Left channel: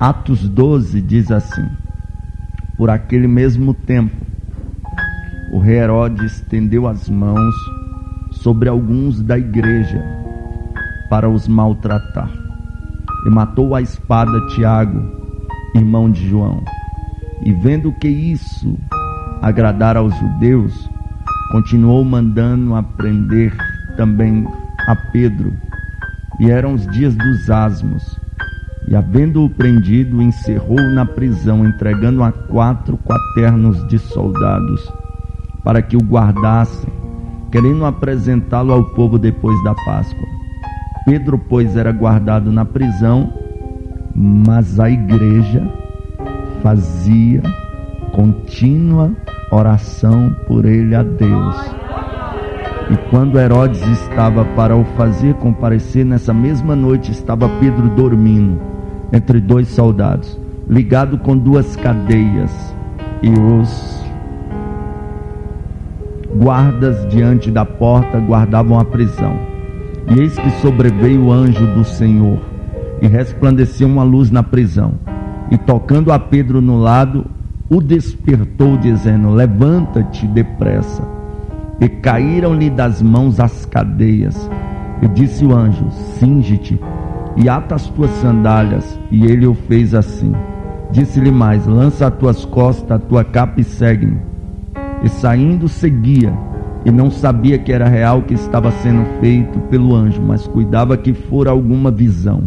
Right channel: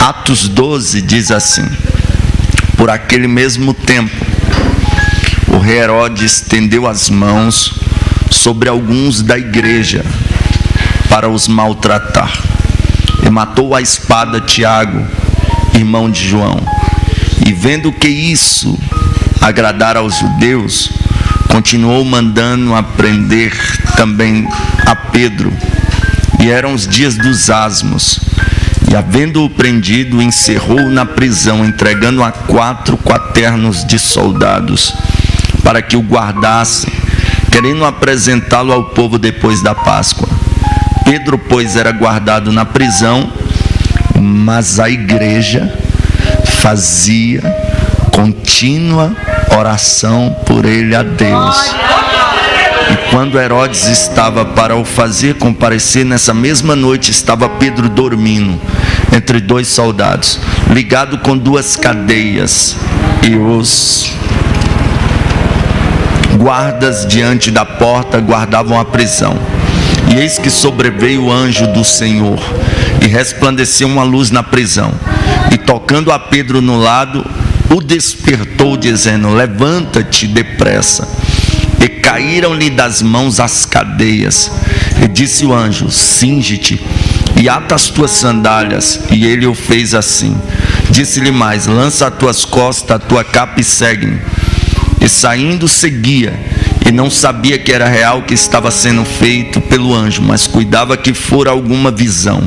Atos 12 diz assim: por aquele mesmo tempo, o rei Herodes estendeu as mãos sobre alguns da igreja para os maltratar, e matou à espada Tiago, irmão de João. E vendo que isso agradara aos judeus, continuou mandando aprender também a Pedro. E eram os dias dos asmos. E havendo-o prendido, encerrou na prisão, entregando a 4 quaternos de soldados, para que o guardassem, querendo apresentá-lo ao povo depois da Páscoa. Pedro, pois, era guardado na prisão, mas a igreja fazia contínua oração por ele a Deus. E quando Herodes estava para o fazer comparecer, nessa mesma noite estava Pedro dormindo entre 2 soldados, ligado com 2 cadeias, e os guardas diante da porta guardavam a prisão. E eis que sobreveio o anjo do Senhor, e resplandeceu uma luz na prisão, e tocando a Pedro no lado, o despertou, dizendo: levanta-te depressa. E caíram-lhe das mãos as cadeias. E disse o anjo: cinge-te e ata as tuas sandálias. E ele o fez assim. Disse-lhe mais: lança as tuas costas a tua capa e segue-me. E saindo seguia, e não sabia que era real o que estava sendo feito pelo anjo, mas cuidava que fora alguma visão.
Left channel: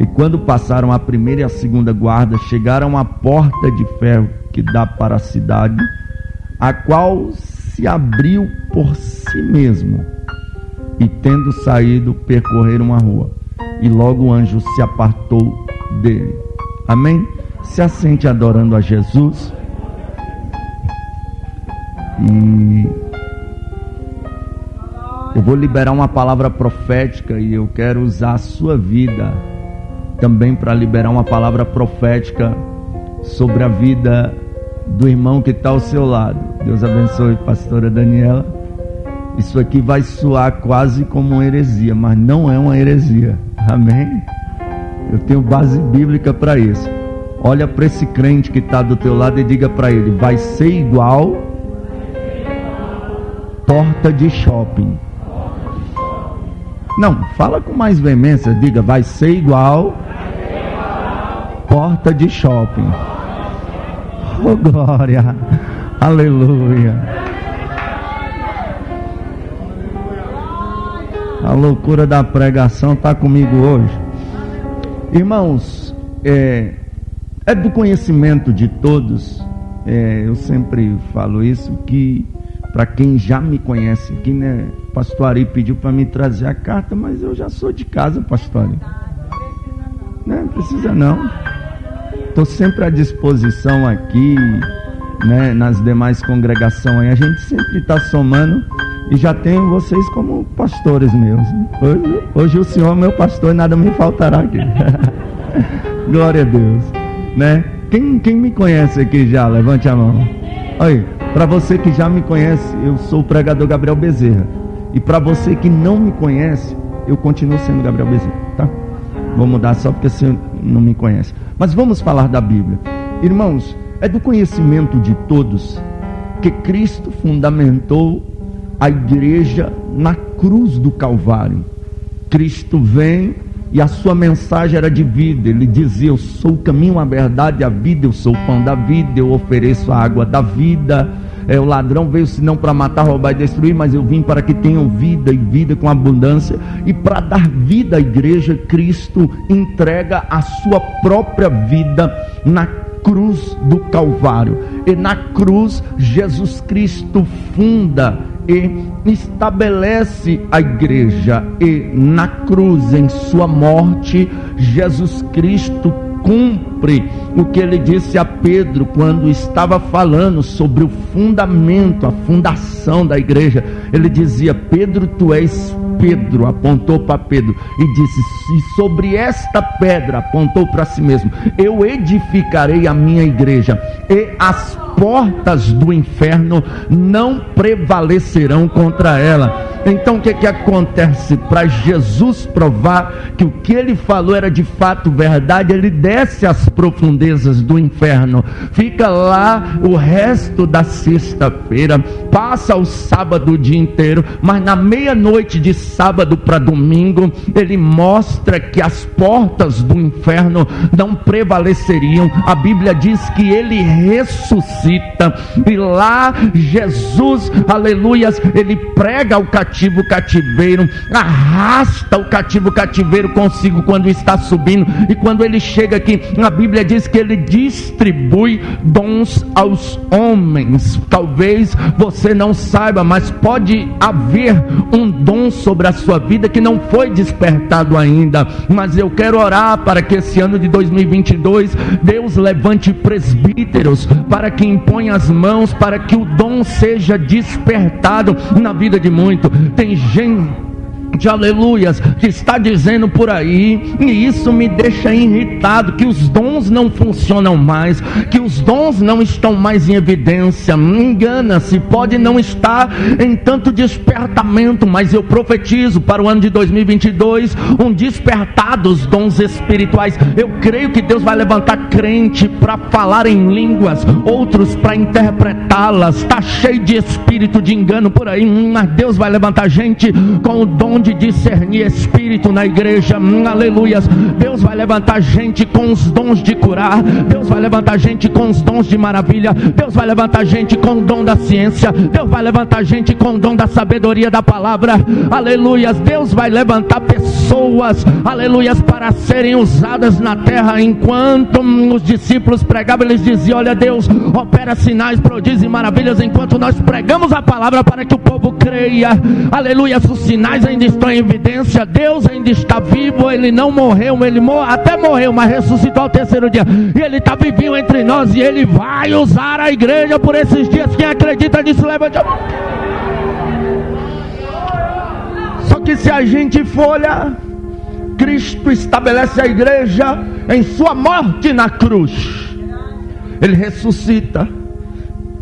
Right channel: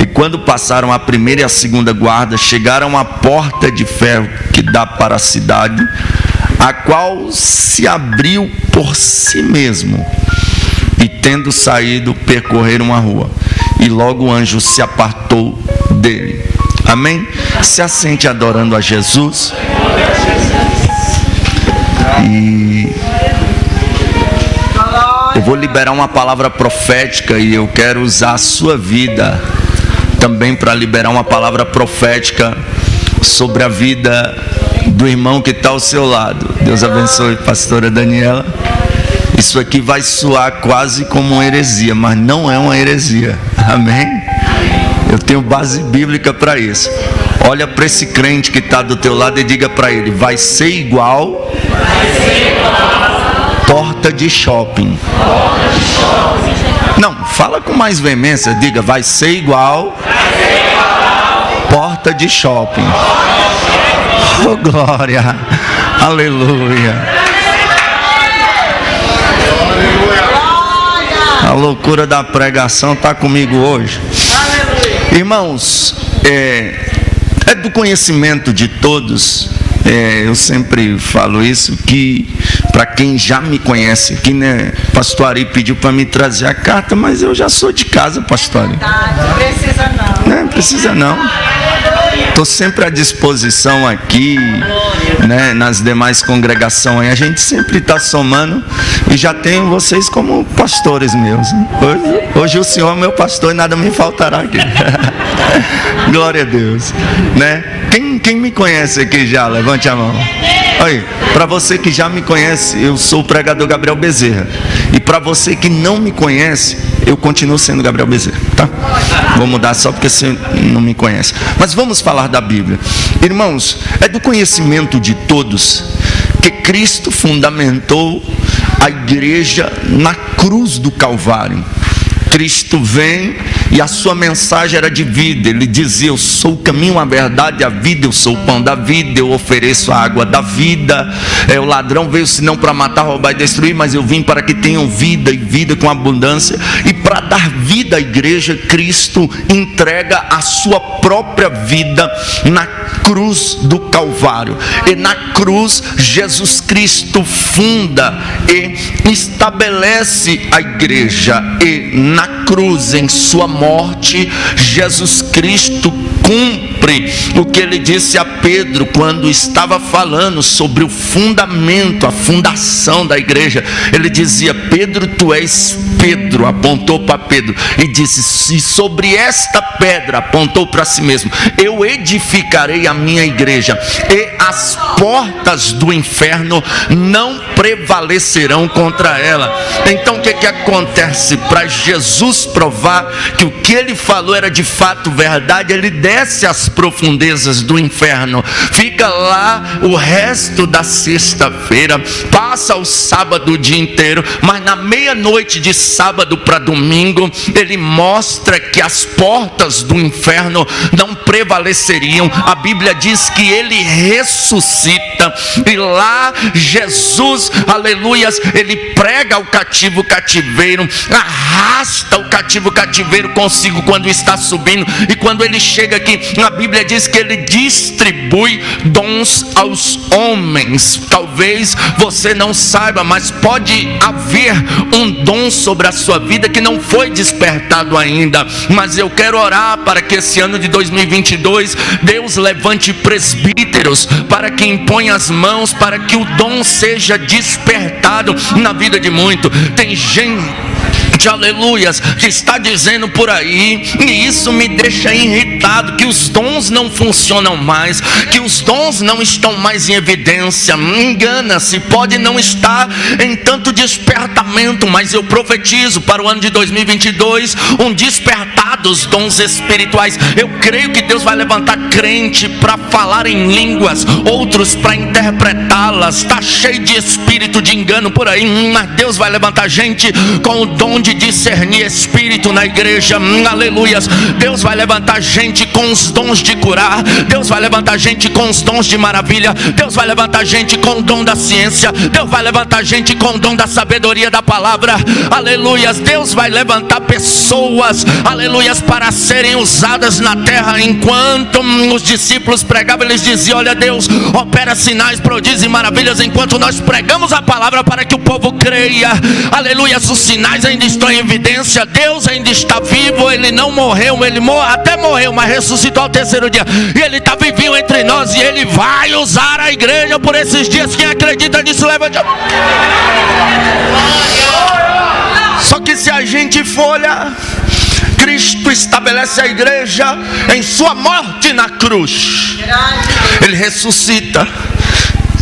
E quando passaram a primeira e a segunda guarda, chegaram à porta de ferro que dá para a cidade, a qual se abriu por si mesmo. E tendo saído, percorreram a rua, e logo o anjo se apartou dele. Amém? Se assente adorando a Jesus. E eu vou liberar uma palavra profética, e eu quero usar a sua vida também para liberar uma palavra profética sobre a vida do irmão que está ao seu lado. Deus abençoe, pastora Daniela. Isso aqui vai soar quase como uma heresia, mas não é uma heresia. Amém? Eu tenho base bíblica para isso. Olha para esse crente que está do teu lado e diga para ele: vai ser igual porta de shopping. Não, fala com mais veemência. Diga: vai ser igual porta de shopping. Oh, glória, aleluia. A loucura da pregação está comigo hoje. Irmãos, é do conhecimento de todos, eu sempre falo isso, que para quem já me conhece aqui, né, pastor Ari pediu para me trazer a carta, mas eu já sou de casa, pastor Ari. Não precisa não. Não precisa não. Estou sempre à disposição aqui, né, nas demais congregações. A gente sempre está somando, e já tenho vocês como pastores meus. Hoje o Senhor é meu pastor e nada me faltará aqui. Glória a Deus, né? Quem me conhece aqui já? Levante a mão. Aí, para você que já me conhece, eu sou o pregador Gabriel Bezerra. E para você que não me conhece, eu continuo sendo Gabriel Bezerra, tá? Vou mudar só porque você não me conhece. Mas vamos falar da Bíblia. Irmãos, é do conhecimento de todos que Cristo fundamentou a igreja na cruz do Calvário. Cristo vem e a sua mensagem era de vida. Ele dizia: eu sou o caminho, a verdade e a vida, eu sou o pão da vida, eu ofereço a água da vida. O ladrão veio senão para matar, roubar e destruir, mas eu vim para que tenham vida, e vida com abundância. E para dar vida à igreja, Cristo entrega a sua própria vida na cruz do Calvário. E na cruz Jesus Cristo funda e estabelece a igreja. E na cruz, em sua morte, Jesus Cristo cumpre o que ele disse a Pedro quando estava falando sobre o fundamento, a fundação da igreja. Ele dizia: Pedro, tu és Pedro, apontou para Pedro e disse: se sobre esta pedra, apontou para si mesmo, eu edificarei a minha igreja, e as portas do inferno não prevalecerão contra ela. Então o que acontece? Para Jesus provar que o que ele falou era de fato verdade, ele desce às profundezas do inferno, fica lá o resto da sexta-feira, passa o sábado o dia inteiro, mas na meia-noite de sábado para domingo, ele mostra que as portas do inferno não prevaleceriam. A Bíblia diz que ele ressuscita, e lá Jesus, aleluias, ele prega ao cativo o cativeiro, arrasta o cativo cativeiro consigo quando está subindo, e quando ele chega aqui, a Bíblia diz que ele distribui dons aos homens. Talvez você não saiba, mas pode haver um dom sobre a sua vida que não foi despertado ainda, mas eu quero orar para que esse ano de 2022 Deus levante presbíteros para que imponha as mãos, para que o dom seja despertado na vida de muito. Tem gente, aleluias, que está dizendo por aí, e isso me deixa irritado, que os dons não funcionam mais, que os dons não estão mais em evidência. Engana-se, pode não estar em tanto despertamento, mas eu profetizo para o ano de 2022 um despertar dos dons espirituais. Eu creio que Deus vai levantar crente para falar em línguas, outros para interpretá-las. Está cheio de espírito de engano por aí, mas Deus vai levantar gente com o dom de discernir espírito na igreja, aleluias. Deus vai levantar gente com os dons de curar, Deus vai levantar gente com os dons de maravilha, Deus vai levantar gente com o dom da ciência, Deus vai levantar gente com o dom da sabedoria da palavra, aleluias. Deus vai levantar pessoas, aleluias, para serem usadas na terra. Enquanto os discípulos pregavam, eles diziam: olha, Deus opera sinais, prodígios e maravilhas enquanto nós pregamos a palavra para que o povo creia, aleluias. Os sinais ainda estão em evidência, Deus ainda está vivo, ele não morreu, ele até morreu, mas ressuscitou ao terceiro dia, e ele está vivinho entre nós, e ele vai usar a igreja por esses dias. Quem acredita nisso, levante a mão. Só que se a gente for olhar, Cristo estabelece a igreja em sua morte na cruz, ele ressuscita,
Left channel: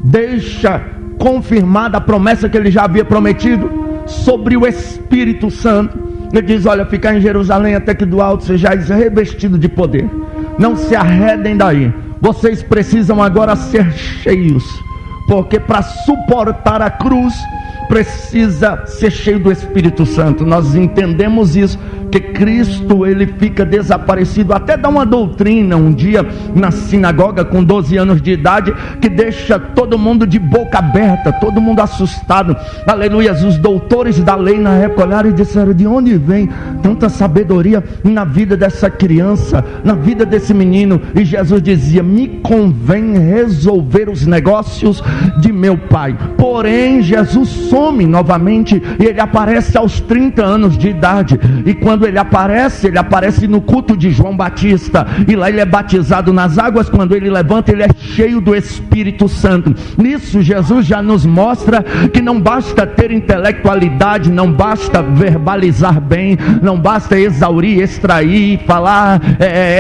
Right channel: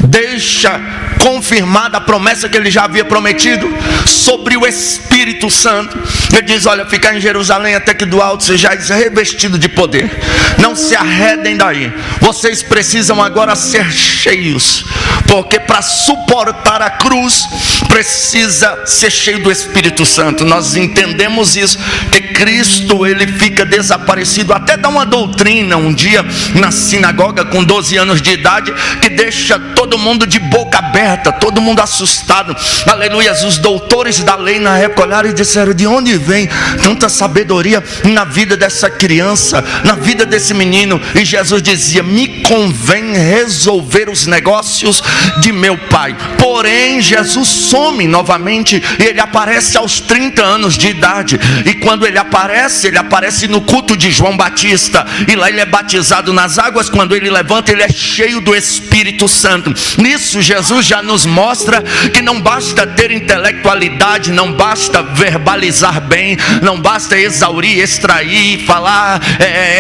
deixa confirmada a promessa que ele já havia prometido sobre o Espírito Santo. Ele diz: olha, ficar em Jerusalém até que do alto sejais revestido de poder, não se arredem daí, vocês precisam agora ser cheios, porque para suportar a cruz precisa ser cheio do Espírito Santo. Nós entendemos isso, que Cristo, ele fica desaparecido. Até dá uma doutrina um dia na sinagoga com 12 anos de idade, que deixa todo mundo de boca aberta, todo mundo assustado, aleluias. Os doutores da lei na época olharam e disseram: de onde vem tanta sabedoria na vida dessa criança, na vida desse menino? E Jesus dizia: me convém resolver os negócios de meu pai. Porém, Jesus some novamente, e ele aparece aos 30 anos de idade, e quando ele aparece no culto de João Batista, e lá ele é batizado nas águas. Quando ele levanta, ele é cheio do Espírito Santo. Nisso Jesus já nos mostra que não basta ter intelectualidade, não basta verbalizar bem, não basta exaurir, extrair, falar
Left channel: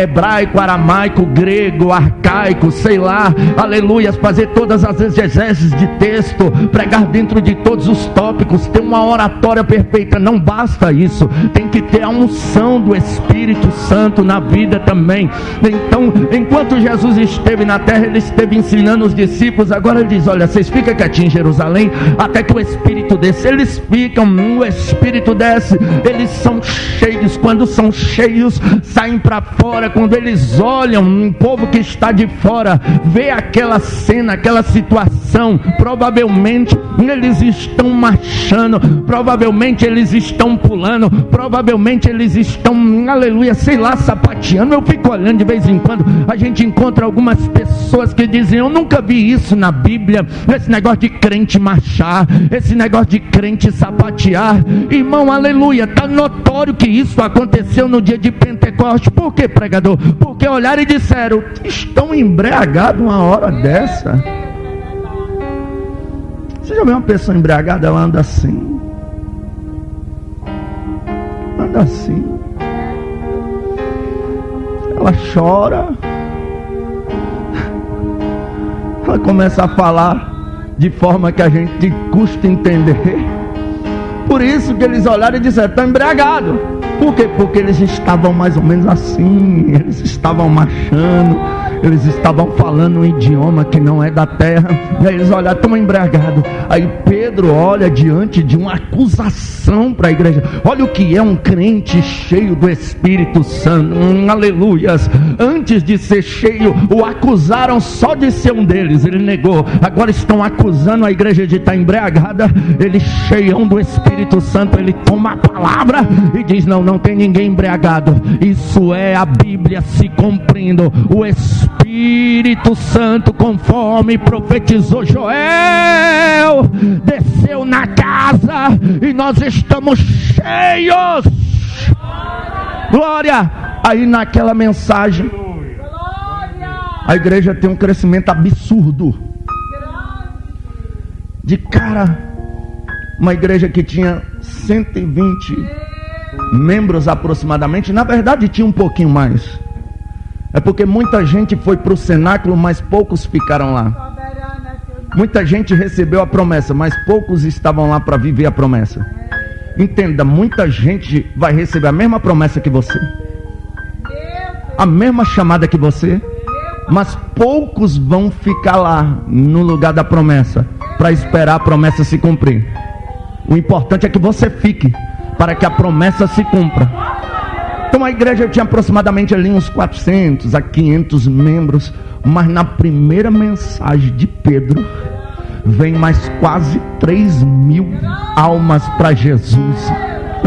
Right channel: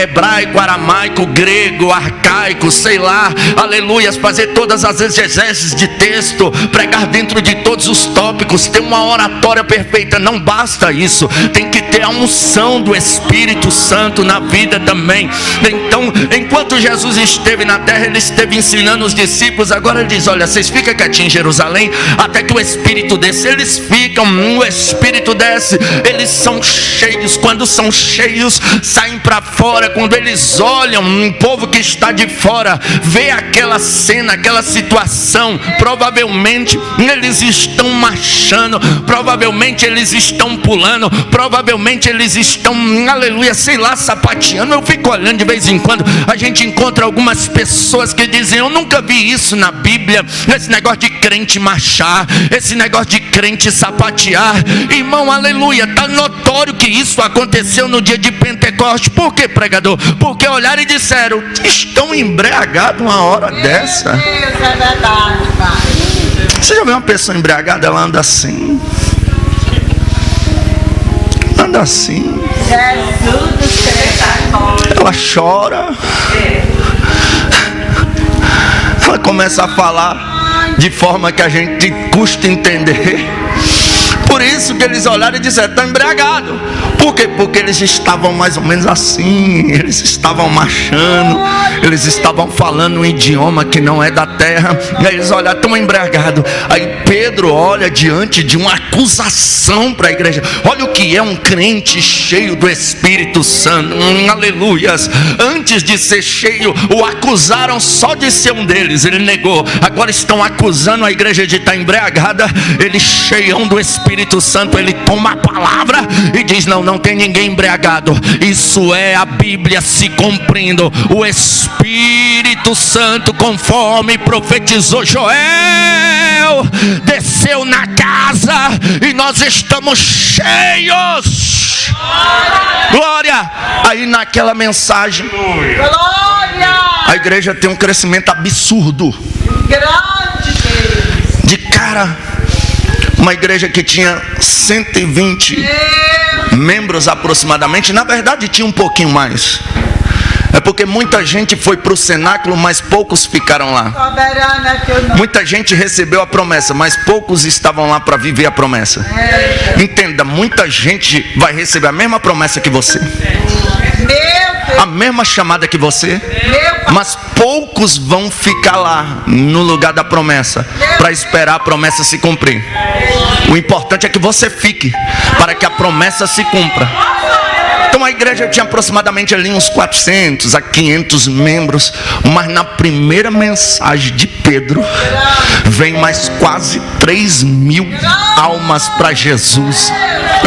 hebraico, aramaico, grego, arcaico, sei lá, aleluias, fazer todas as exegeses de texto, pregar dentro de todos os tópicos, ter uma oratória perfeita. Não basta isso, tem que ter a unção do Espírito Santo na vida também. Então, enquanto Jesus esteve na terra, ele esteve ensinando os discípulos. Agora ele diz: olha, vocês ficam quietinhos em Jerusalém até que o Espírito desce. Eles ficam, o Espírito desce, eles são cheios. Quando são cheios, saem para fora. Quando eles olham, um povo que está de fora vê aquela cena, aquela situação, provavelmente eles estão marchando, provavelmente eles estão pulando, provavelmente eles estão, aleluia, sei lá, sapateando. Eu fico olhando de vez em quando, a gente encontra algumas pessoas que dizem: eu nunca vi isso na Bíblia, esse negócio de crente marchar, esse negócio de crente sapatear. Irmão, aleluia, está notório que isso aconteceu no dia de Pentecostes. Por que, pregador? Porque olharam e disseram: estão embriagados uma hora dessa. Isso é verdade, pai. Você já viu uma pessoa embriagada? Ela anda assim. anda assim. Ela chora. Ela começa a falar de forma que a gente custa entender. Por isso que eles olharam e disseram: estão embriagados. Por quê? Porque eles estavam mais ou menos assim. Eles estavam marchando. Eles estavam falando um idioma que não é da terra. E aí eles olharam: estão embriagados. Aí Pedro olha diante de uma acusação para a igreja. Olha o que é um crente cheio do Espírito Santo. Aleluias. Antes de ser cheio, o acusaram só de ser um deles. Ele negou. Agora estão acusando a igreja de estar embriagada. Ele cheião do Espírito Santo, ele toma a palavra e diz: não tem ninguém embriagado. Isso é a Bíblia se cumprindo. O Espírito Santo, conforme profetizou Joel, desceu na casa e nós estamos cheios. Glória! Aí naquela mensagem, a igreja tem um crescimento absurdo. De cara, uma igreja que tinha 120 membros aproximadamente, na verdade tinha um pouquinho mais. É porque muita gente foi para o cenáculo, mas poucos ficaram lá. Muita gente recebeu a promessa, mas poucos estavam lá para viver a promessa. Entenda, muita gente vai receber a mesma promessa que você, a mesma chamada que você, mas poucos vão ficar lá no lugar da promessa para esperar a promessa se cumprir. O importante é que você fique para que a promessa se cumpra. Então a igreja tinha aproximadamente ali uns 400 a 500 membros, mas na primeira mensagem de Pedro vem mais quase 3.000 almas para Jesus.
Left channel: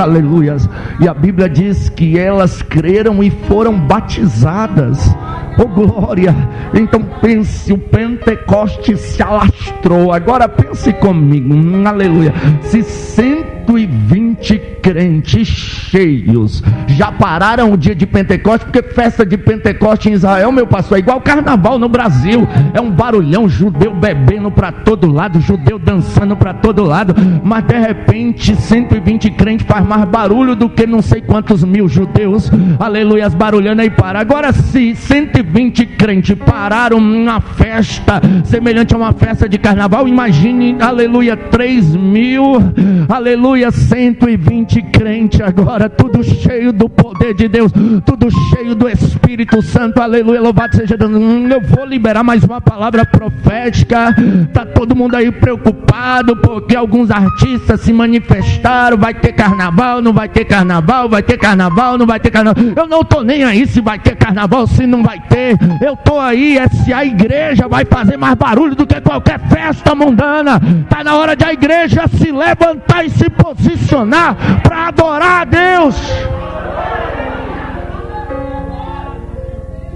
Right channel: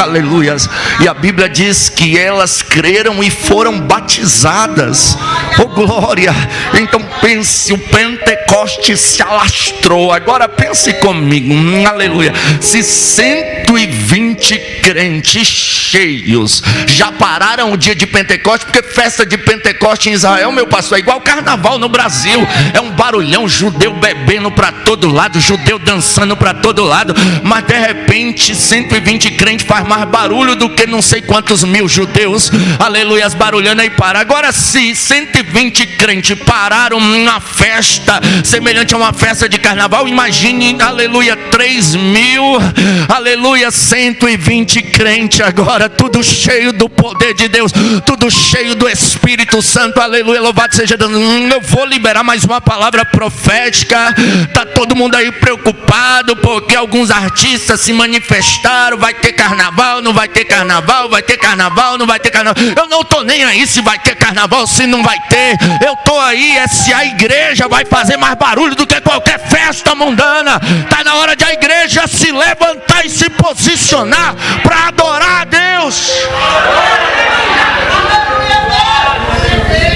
Aleluias. E a Bíblia diz que elas creram e foram batizadas. Oh glória. Então pense, o Pentecoste se alastrou. Agora pense comigo, aleluia. Se 120 crentes cheios já pararam o dia de Pentecoste, porque festa de Pentecoste em Israel, meu pastor, é igual carnaval no Brasil. É um barulhão, judeu bebendo para todo lado, judeu dançando para todo lado. Mas de repente 120 crentes faz mais barulho do que não sei quantos mil judeus, aleluia, barulhando aí para. Agora se 120 crentes pararam uma festa semelhante a uma festa de carnaval, imagine, aleluia, 3.000, aleluia, 120 crentes agora, tudo cheio do poder de Deus, tudo cheio do Espírito Santo, aleluia, louvado seja Deus. Eu vou liberar mais uma palavra profética. Tá todo mundo aí preocupado porque alguns artistas se manifestaram. Vai ter carnaval, não vai ter carnaval, vai ter carnaval, não vai ter carnaval. Eu não tô nem aí se vai ter carnaval, se não vai ter. Eu tô aí é se a igreja vai fazer mais barulho do que qualquer festa mundana. Tá na hora de a igreja se levantar e se posicionar para adorar a Deus.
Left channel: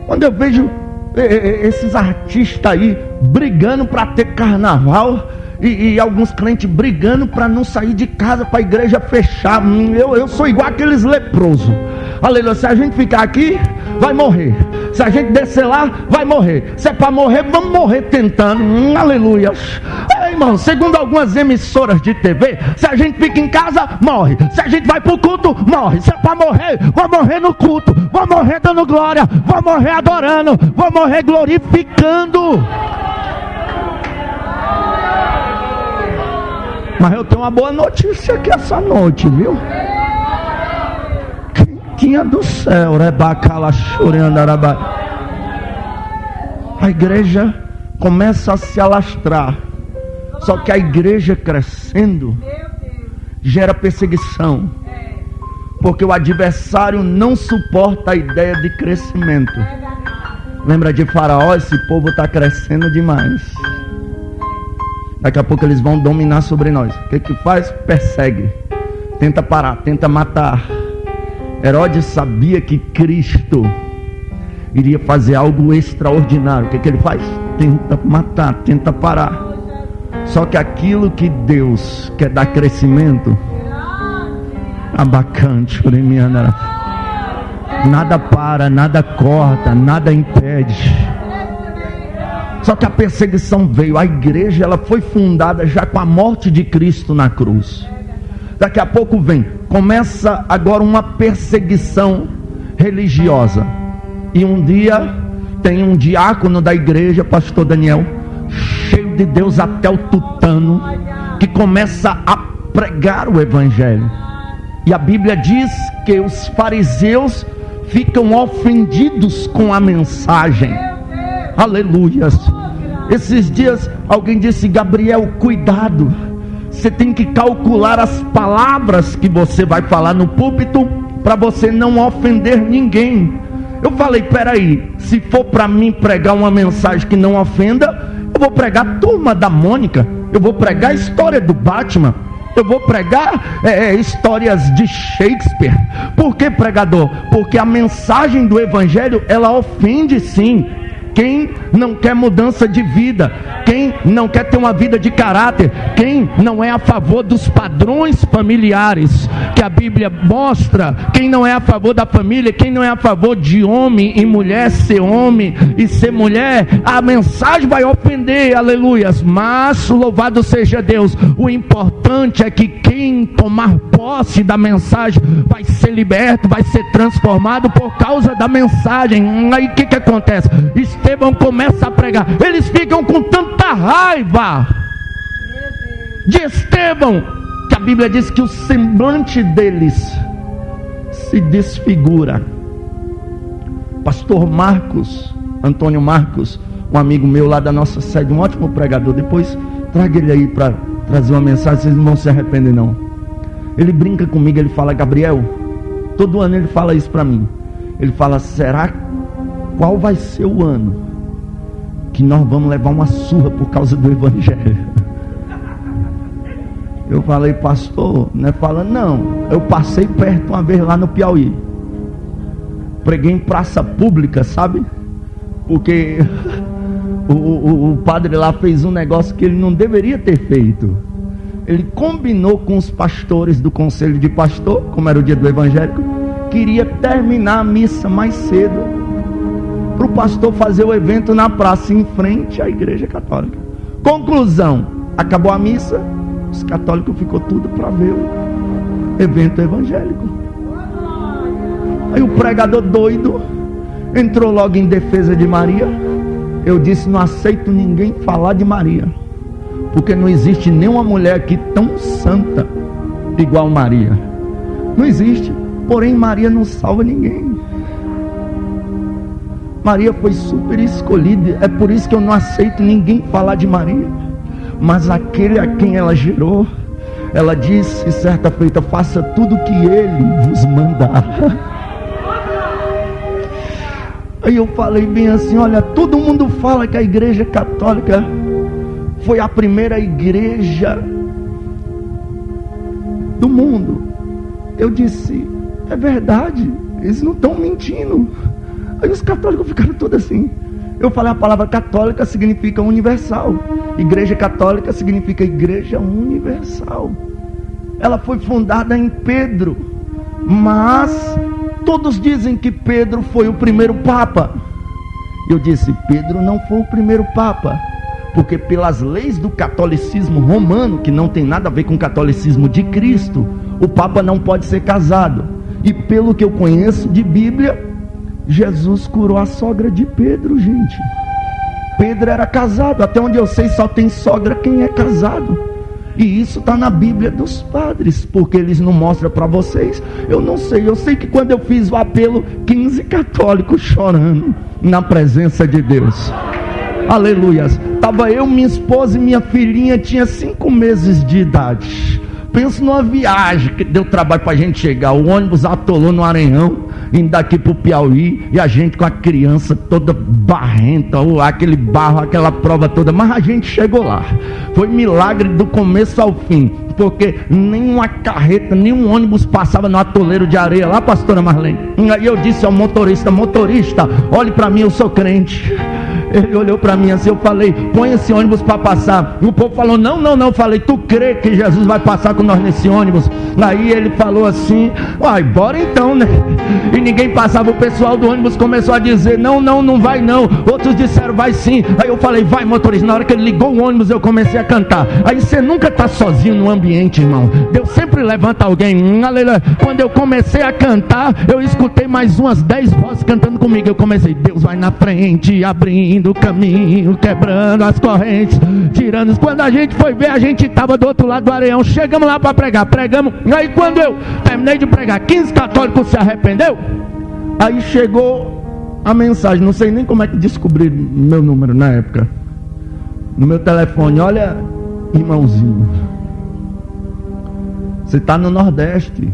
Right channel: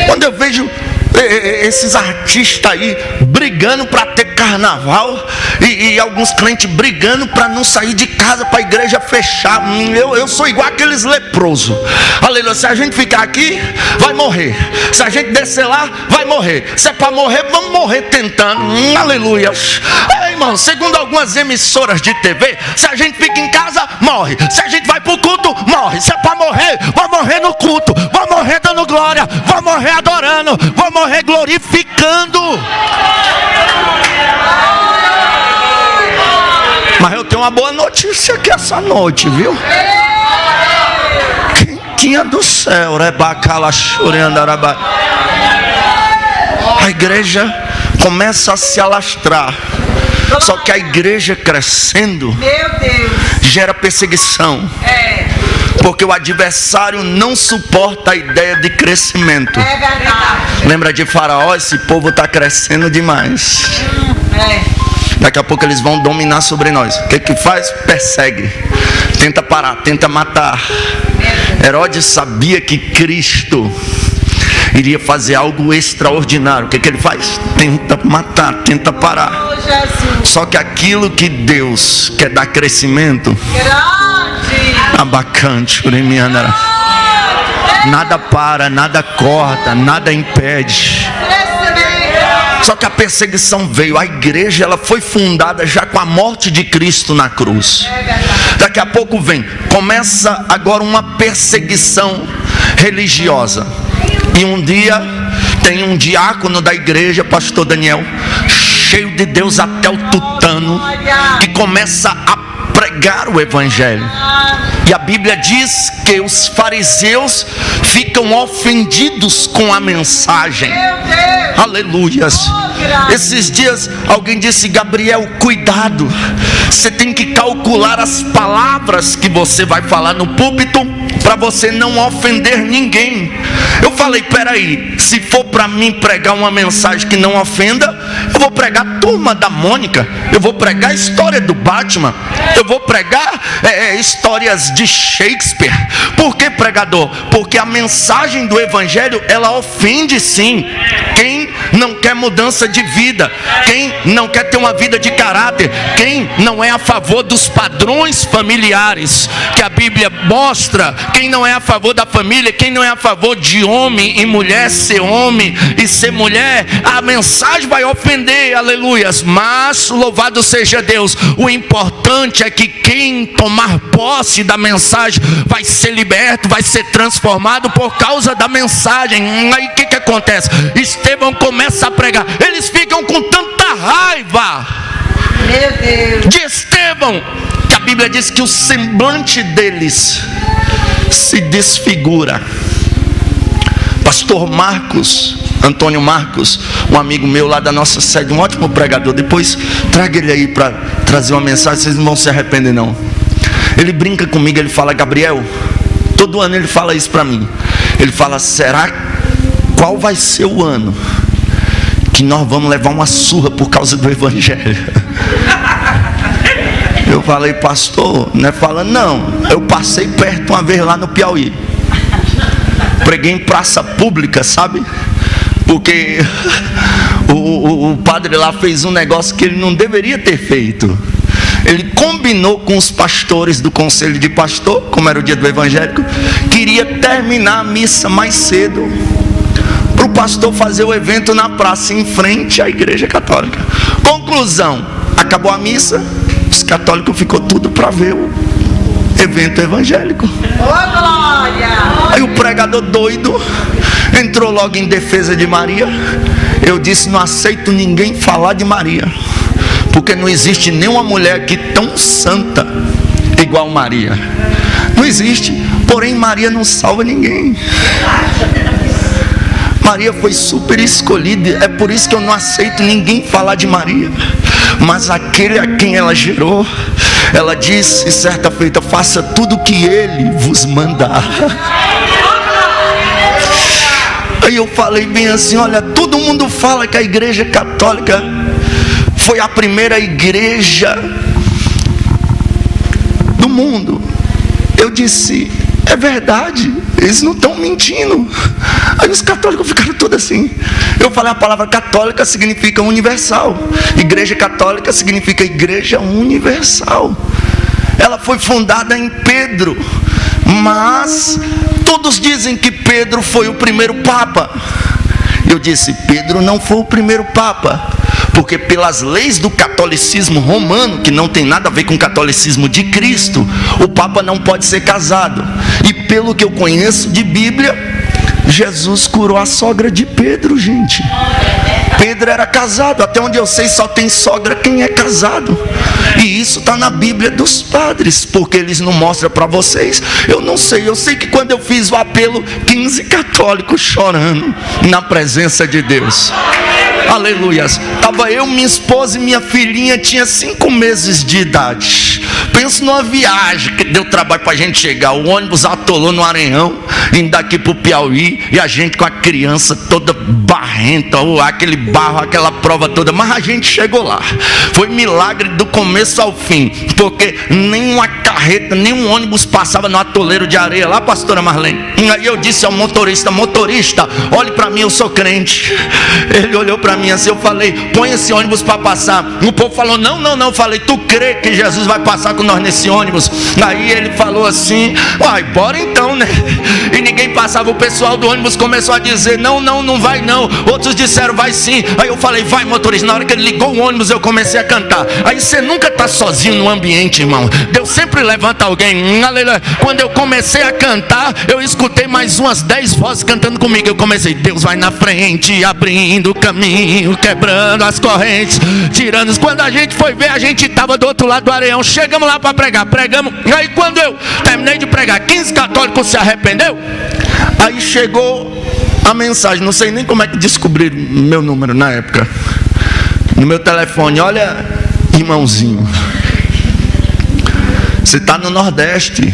Quando eu vejo esses artistas aí brigando para ter carnaval e alguns crentes brigando para não sair de casa, para a igreja fechar, eu sou igual aqueles leprosos. Aleluia. Se a gente ficar aqui, vai morrer. Se a gente descer lá, vai morrer. Se é para morrer, vamos morrer tentando. Aleluia. Irmão, segundo algumas emissoras de TV, se a gente fica em casa, morre. Se a gente vai para o culto, morre. Se é para morrer, vai morrer no culto, vai morrer dando glória, vai morrer adorando, vai morrer glorificando. Mas eu tenho uma boa notícia aqui essa noite, viu? Quentinha do céu, a igreja começa a se alastrar. Só que a igreja crescendo gera perseguição. Porque o adversário não suporta a ideia de crescimento. Lembra de Faraó? Esse povo está crescendo demais. Daqui a pouco eles vão dominar sobre nós. O que faz? Persegue. Tenta parar, tenta matar. Herodes sabia que Cristo iria fazer algo extraordinário. O que ele faz? Tenta matar, tenta parar. Só que aquilo que Deus quer dar crescimento, abacante, nada para, nada corta, nada impede. Só que a perseguição veio. A igreja ela foi fundada já com a morte de Cristo na cruz. Daqui a pouco vem, começa agora uma perseguição religiosa. E um dia tem um diácono da igreja, pastor Daniel, cheio de Deus até o tutano, que começa a pregar o evangelho. E a Bíblia diz que os fariseus ficam ofendidos com a mensagem. Aleluias. Esses dias alguém disse: Gabriel, cuidado, você tem que calcular as palavras que você vai falar no púlpito, para você não ofender ninguém. Eu falei: peraí, se for para mim pregar uma mensagem que não ofenda, eu vou pregar a Turma da Mônica, eu vou pregar a história do Batman, eu vou pregar histórias de Shakespeare. Por que, pregador? Porque a mensagem do evangelho, ela ofende sim quem não quer mudança de vida, quem não quer ter uma vida de caráter, quem não é a favor dos padrões familiares que a Bíblia mostra, quem não é a favor da família, quem não é a favor de homem e mulher ser homem e ser mulher. A mensagem vai ofender, aleluias, mas louvado seja Deus, o importante é que quem tomar posse da mensagem vai ser liberto, vai ser transformado por causa da mensagem. Aí o que acontece? Estevão começa a pregar, eles ficam com tanta raiva de Estevão, que a Bíblia diz que o semblante deles se desfigura. Pastor Marcos, Antônio Marcos, um amigo meu lá da nossa sede, um ótimo pregador, depois traga ele aí para trazer uma mensagem, vocês não vão se arrepender não. Ele brinca comigo, ele fala: Gabriel, todo ano ele fala isso para mim, ele fala: será qual vai ser o ano que nós vamos levar uma surra por causa do evangelho? Eu falei: pastor, não é falando não, eu passei perto uma vez lá no Piauí, preguei em praça pública, sabe? Porque o padre lá fez um negócio que ele não deveria ter feito. Ele combinou com os pastores do conselho de pastor, como era o dia do evangélico, queria terminar a missa mais cedo, para o pastor fazer o evento na praça, em frente à igreja católica. Conclusão, acabou a missa, os católicos ficou tudo para ver o evento evangélico. Aí o pregador doido entrou logo em defesa de Maria. Eu disse: não aceito ninguém falar de Maria, porque não existe nenhuma mulher aqui tão santa igual Maria. Não existe. Porém Maria não salva ninguém. Maria foi super escolhida, é por isso que eu não aceito ninguém falar de Maria. Mas aquele a quem ela gerou, ela disse certa feita: faça tudo o que ele vos mandar. Aí eu falei bem assim: olha, todo mundo fala que a igreja católica foi a primeira igreja do mundo. Eu disse: é verdade, eles não estão mentindo. Aí os católicos ficaram todos assim. Eu falei: a palavra católica significa universal, igreja católica significa igreja universal. Ela foi fundada em Pedro, mas todos dizem que Pedro foi o primeiro papa. Eu disse: Pedro não foi o primeiro papa, porque pelas leis do catolicismo romano, que não tem nada a ver com o catolicismo de Cristo, o papa não pode ser casado. E pelo que eu conheço de Bíblia, Jesus curou a sogra de Pedro, gente. Pedro era casado, até onde eu sei só tem sogra quem é casado. E isso está na Bíblia dos padres, porque eles não mostram para vocês. Eu não sei, eu sei que quando eu fiz o apelo, 15 católicos chorando na presença de Deus. Aleluias. Estava eu, minha esposa e minha filhinha, tinha 5 meses de idade. Pensa numa viagem que deu trabalho para a gente chegar. O ônibus atolou no Arenhão, indo daqui para o Piauí, e a gente com a criança toda barrenta, aquele barro, aquela prova toda. Mas a gente chegou lá. Foi milagre do começo ao fim, porque nenhuma carreta, nenhum ônibus passava no atoleiro de areia lá, pastora Marlene. Aí eu disse ao motorista: motorista, olhe para mim, eu sou crente. Ele olhou para mim assim, eu falei, põe esse ônibus para passar. O povo falou, não. Eu falei, tu crê que Jesus vai passar com nós nesse ônibus? Aí ele falou assim, uai, bora então, né? E ninguém passava, o pessoal do ônibus começou a dizer, não vai não. Outros disseram, vai sim. Aí eu falei, vai motorista. Na hora que ele ligou o ônibus, eu comecei a cantar. Aí você nunca está sozinho no ambiente, irmão. Deus sempre levanta alguém. Aleluia. Quando eu comecei a cantar, eu escutei mais umas 10 vozes cantando comigo. Eu comecei, Deus vai na frente, abrindo o caminho, quebrando as correntes, tirando. Quando a gente foi ver, a gente estava do outro lado do areião. Chegamos lá para pregar, pregamos. Aí quando eu terminei de pregar, 15 católicos se arrependeu. Aí chegou a mensagem, não sei nem como é que descobriram meu número na época, no meu telefone. Olha, irmãozinho, você está no Nordeste.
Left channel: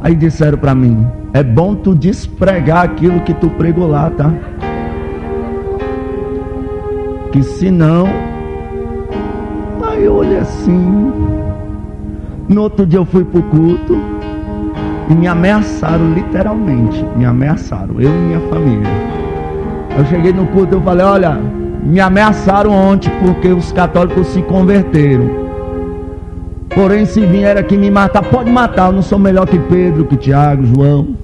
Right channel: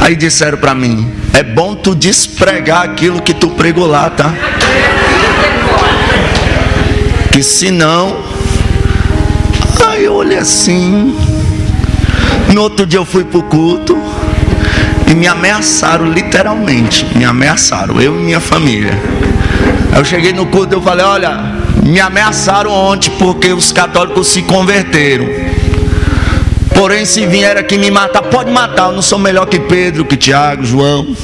Aí disseram para mim, é bom tu despregar aquilo que tu pregou lá, tá? Que senão... Aí eu olhei assim. No outro dia eu fui pro culto e me ameaçaram, literalmente. Me ameaçaram, eu e minha família. Aí eu cheguei no culto e eu falei, olha, me ameaçaram ontem porque os católicos se converteram. Porém, se vier aqui me matar, pode matar. Eu não sou melhor que Pedro, que Tiago, João,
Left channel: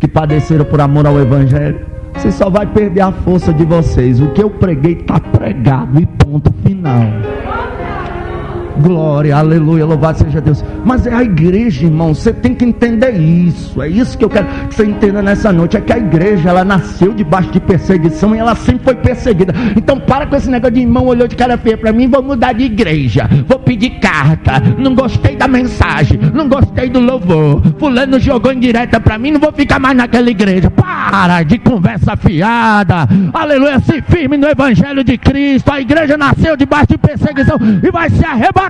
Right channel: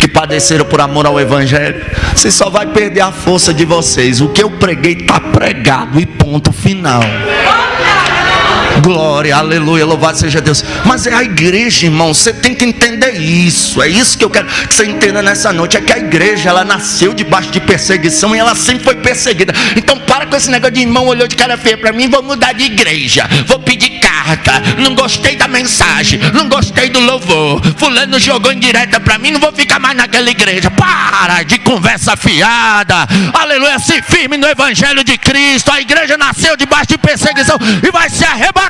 que padeceram por amor ao Evangelho. Você só vai perder a força de vocês. O que eu preguei está pregado e ponto final. Glória, aleluia, louvado seja Deus. Mas é a igreja, irmão, você tem que entender isso. É isso que eu quero que você entenda nessa noite. É que a igreja, ela nasceu debaixo de perseguição e ela sempre foi perseguida. Então para com esse negócio de irmão olhou de cara feia para mim, vou mudar de igreja, vou pedir carta, não gostei da mensagem, não gostei do louvor, fulano jogou indireta para mim, não vou ficar mais naquela igreja. Para de conversa fiada, aleluia, se firme no Evangelho de Cristo. A igreja nasceu debaixo de perseguição e vai ser arrebatada.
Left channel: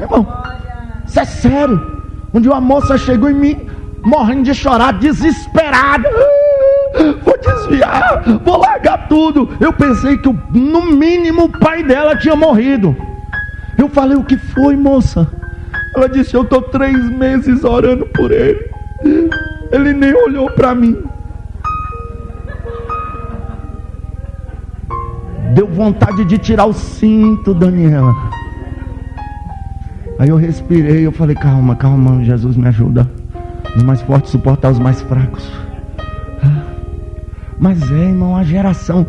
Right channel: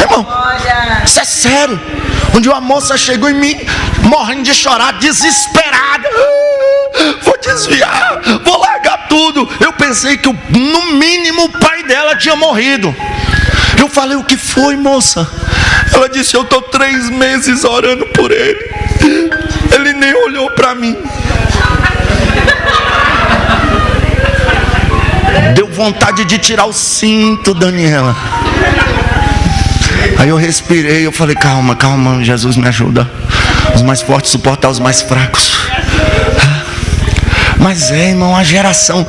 Irmão, isso é sério. Um dia uma moça chegou em mim, morrendo de chorar, desesperada. Vou desviar, vou largar tudo. Eu pensei que no mínimo o pai dela tinha morrido. Eu falei, o que foi, moça? Ela disse, eu estou 3 meses orando por ele, ele nem olhou para mim. Deu vontade de tirar o cinto, Daniela. Aí eu respirei, eu falei, calma, Jesus me ajuda. Os mais fortes suportar os mais fracos. Mas irmão, a geração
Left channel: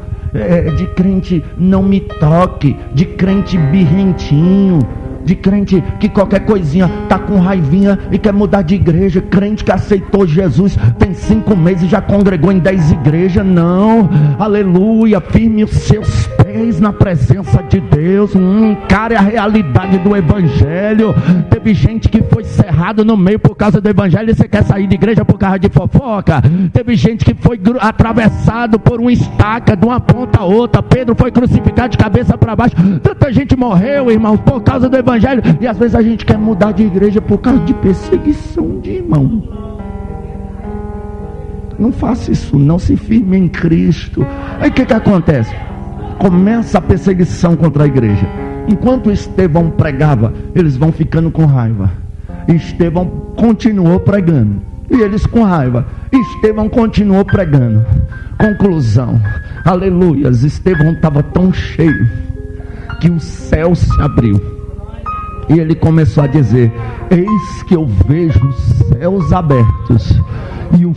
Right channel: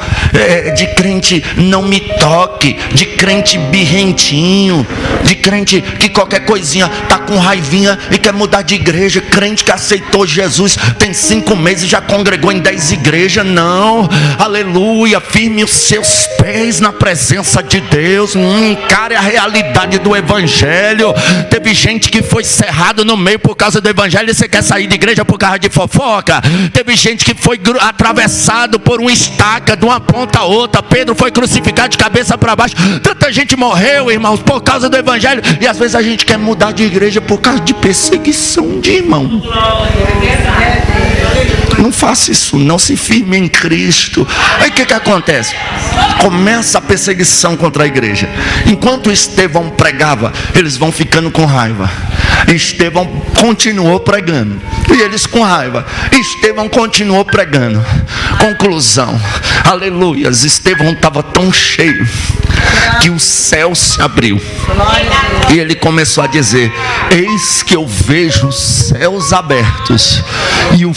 de crente não me toque, de crente birrentinho, de crente que qualquer coisinha tá com raivinha e quer mudar de igreja, crente que aceitou Jesus, tem 5 meses e já congregou em 10 igrejas. Não, aleluia, firme os seus pés na presença de Deus, encare a realidade do Evangelho. Teve gente que foi cerrado no meio por causa do Evangelho e você quer sair de igreja por causa de fofoca. Teve gente que foi atravessado por uma estaca de uma ponta a outra. Pedro foi crucificado de cabeça para baixo. Tanta gente morreu, irmãos, por causa do Evangelho. E às vezes a gente quer mudar de igreja por causa de perseguição de irmão. Não faça isso, não, se firme em Cristo. Aí o que acontece? Começa a perseguição contra a igreja. Enquanto Estevão pregava, eles vão ficando com raiva. Estevão continuou pregando e eles com raiva. Estevão continuou pregando. Conclusão, aleluias, Estevão estava tão cheio que o céu se abriu e ele começou a dizer, eis que eu vejo os céus abertos e o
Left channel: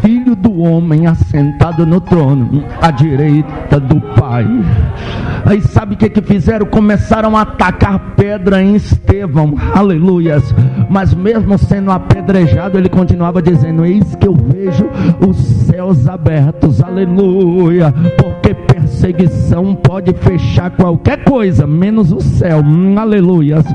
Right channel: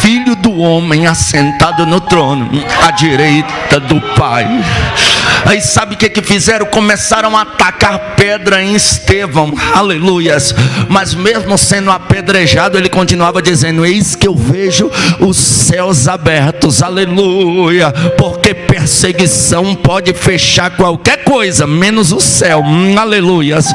Filho do homem assentado no trono à direita do Pai. Aí sabe o que fizeram? Começaram a atacar pedra em Estevão, aleluias. Mas mesmo sendo apedrejado, ele continuava dizendo, eis que eu vejo os céus abertos, aleluia. Porque perseguição pode fechar qualquer coisa, menos o céu, aleluias.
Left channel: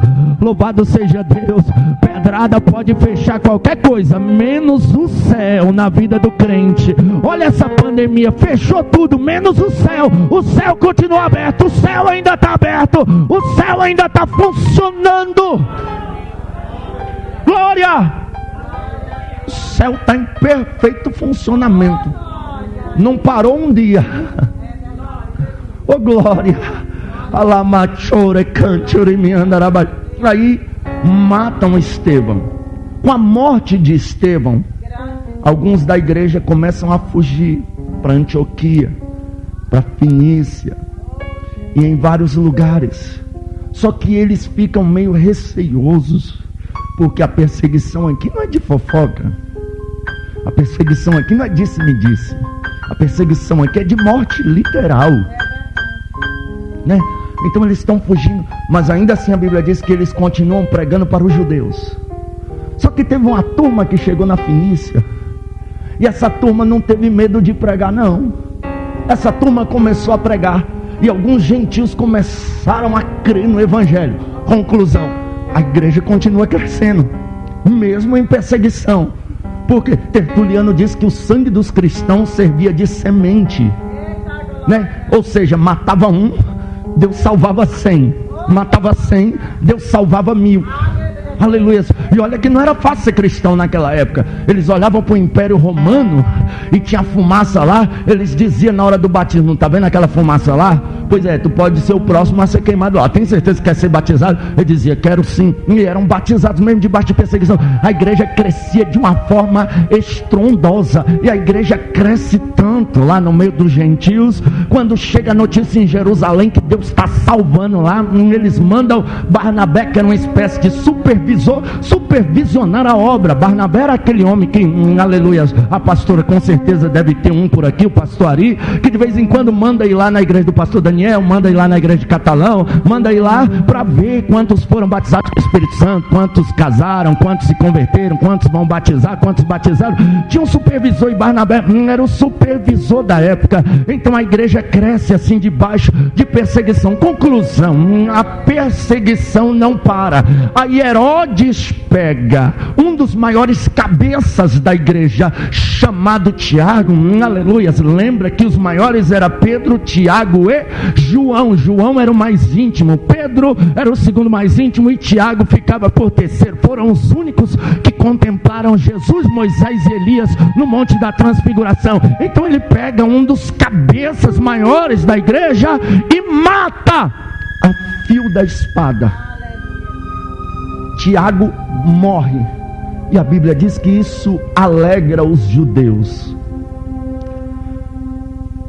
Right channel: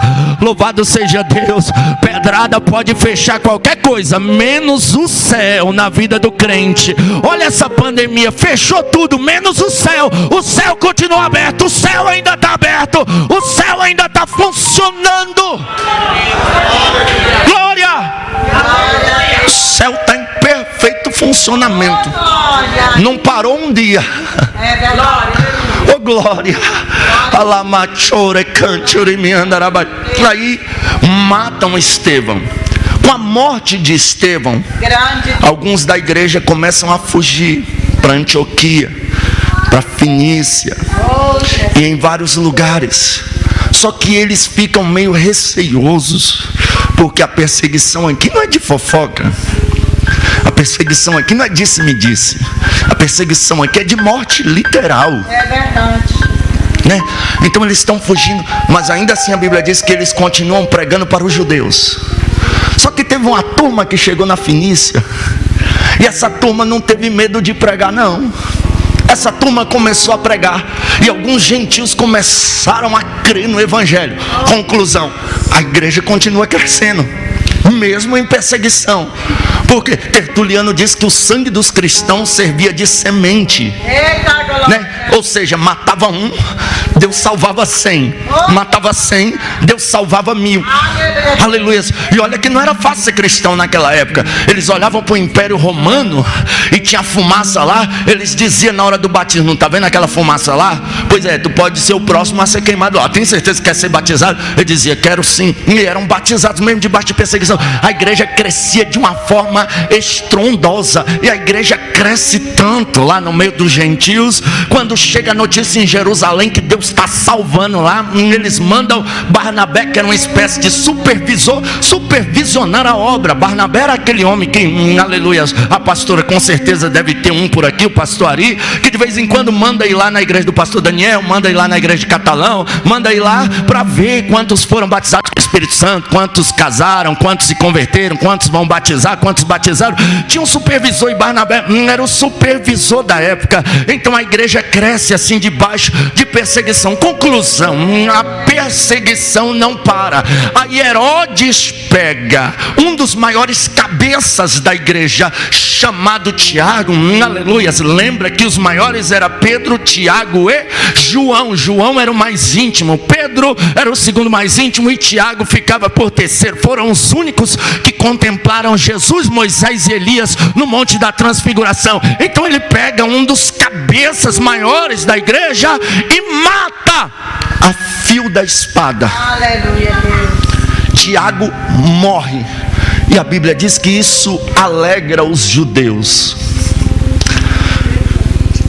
Louvado seja Deus. Pedrada pode fechar qualquer coisa, menos o céu na vida do crente. Olha essa pandemia, fechou tudo, menos o céu. O céu continua aberto, o céu ainda está aberto, o céu ainda está funcionando. Glória! O céu está em perfeito funcionamento. Não parou um dia. Oh glória! Aí matam Estevão. Com a morte de Estevão, alguns da igreja começam a fugir para Antioquia, para Fenícia e em vários lugares. Só que eles ficam meio receiosos, porque a perseguição aqui não é de fofoca. A perseguição aqui não é disse-me-disse. A perseguição aqui é de morte literal. É verdade. Né? Então eles estão fugindo, mas ainda assim a Bíblia diz que eles continuam pregando para os judeus. Só que teve uma turma que chegou na Fenícia, e essa turma não teve medo de pregar, não. Essa turma começou a pregar, e alguns gentios começaram a crer no evangelho. Conclusão: a igreja continua crescendo, mesmo em perseguição. Porque Tertuliano diz que o sangue dos cristãos servia de semente, né? Ou seja, matava um, Deus salvava 100. Matava 100, Deus salvava 1000. Aleluia. E olha que não era fácil ser cristão naquela época. Eles olhavam para o Império Romano e tinha fumaça lá. Eles diziam na hora do batismo: não está vendo aquela fumaça lá? Pois é, tu pode ser o próximo a ser queimado lá. Tem certeza que quer ser batizado? Ele dizia: quero sim. E eram batizados mesmo debaixo de perseguição. A igreja crescia de uma forma estrondosa. E a igreja cresce tanto lá no meio dos gentios. Quando chega a notícia em Jerusalém que Deus está salvando lá, eles mandam Barnabé, que era uma espécie de supervisionar a obra. Barnabé era aquele homem que, aleluia, a pastora com certeza deve ter um por aqui, o pastor Ari, que de vez em quando manda ir lá na igreja do pastor Daniel, manda ir lá na igreja de Catalão, manda ir lá para ver quantos foram batizados com o Espírito Santo, quantos casaram, quantos se converteram, quantos vão batizar, quantos batizaram. Tinha um supervisor, e Barnabé era o supervisor da época. Então a igreja cresce assim debaixo de perseguição. Conclusão: a perseguição não para. Aí Herodes pega um dos maiores cabeças da igreja, chamado Tiago, aleluia. Lembra que os maiores eram Pedro, Tiago e João. João era o mais íntimo, Pedro era o segundo mais íntimo e Tiago ficava por terceiro. Foram os únicos que contemplaram Jesus, Moisés e Elias no Monte da Transfiguração. Então ele pega um dos cabeças maiores da igreja e mata a fio da espada. Aleluia, Deus. Tiago morre, e a Bíblia diz que isso alegra os judeus.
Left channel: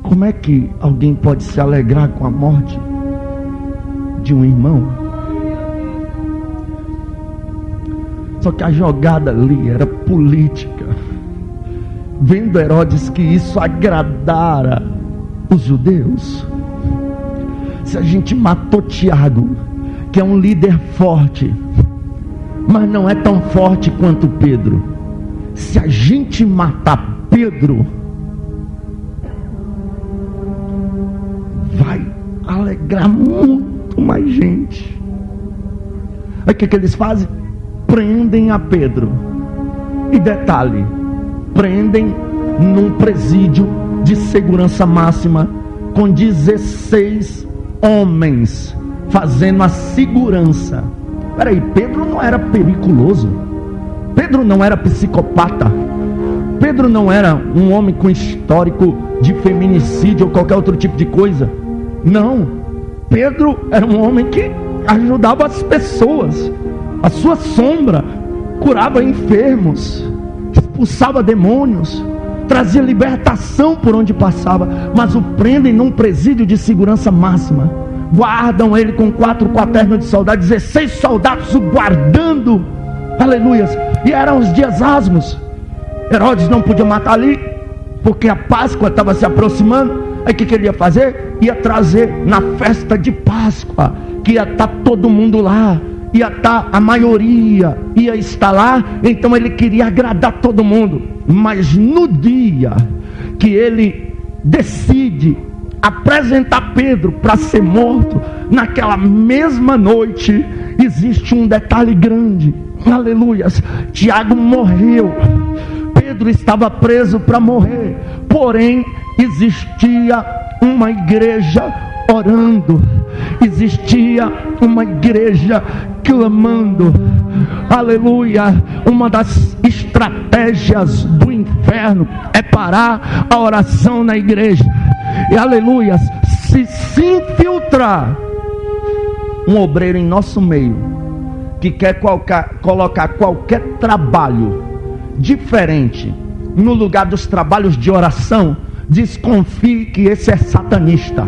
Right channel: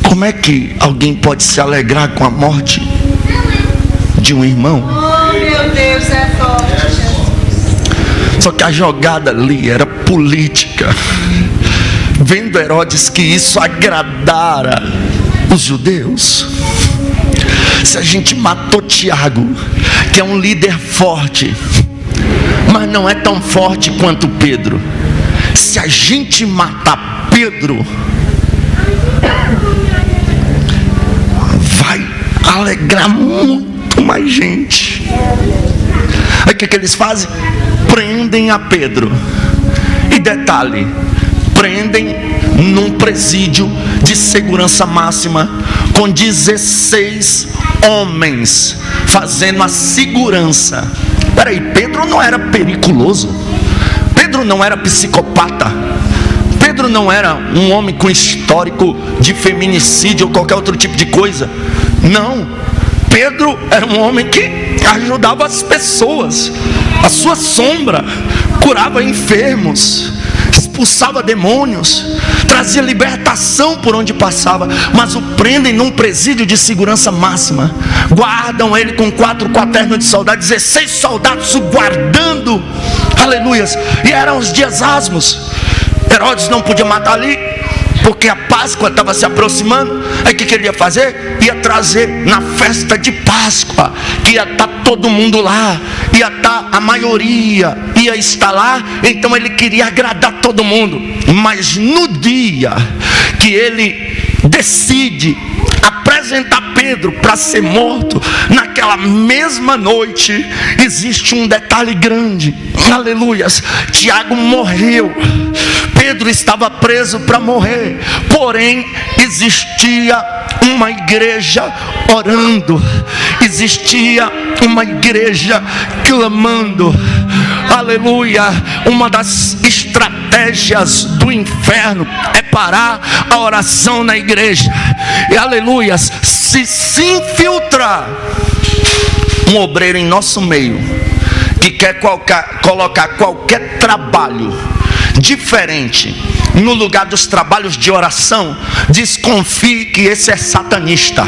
Como é que alguém pode se alegrar com a morte de um irmão? Oh, meu Deus, é forte, Jesus. Só que a jogada ali era política. Vendo Herodes que isso agradara os judeus, se a gente matou Tiago, que é um líder forte, mas não é tão forte quanto Pedro, se a gente matar Pedro, vai alegrar muito mais gente. Aí o que eles fazem? Prendem a Pedro. E detalhe, prendem num presídio de segurança máxima, com 16 homens fazendo a segurança. Peraí, Pedro não era periculoso, Pedro não era psicopata, Pedro não era um homem com histórico de feminicídio ou qualquer outro tipo de coisa. Não, Pedro era um homem que ajudava as pessoas, a sua sombra, curava enfermos, expulsava demônios, trazia libertação por onde passava. Mas o prendem num presídio de segurança máxima, guardam ele com 4 quaternos de soldado, 16 soldados o guardando, aleluias. E eram os dias asmos. Herodes não podia matar ali, porque a Páscoa estava se aproximando. Aí o que ele ia fazer? Ia trazer na festa de Páscoa, que ia estar todo mundo lá, ia estar a maioria, ia estar lá. Então ele queria agradar todo mundo. Mas no dia que ele decide apresentar Pedro para ser morto, naquela mesma noite, existe um detalhe grande, aleluias. Tiago morreu, Pedro estava preso para morrer, porém existia uma igreja orando, existia uma igreja clamando, aleluia. Uma das estratégias do inferno é parar a oração na igreja, e aleluia, se infiltrar um obreiro em nosso meio que quer colocar qualquer trabalho diferente no lugar dos trabalhos de oração, desconfie que esse é satanista.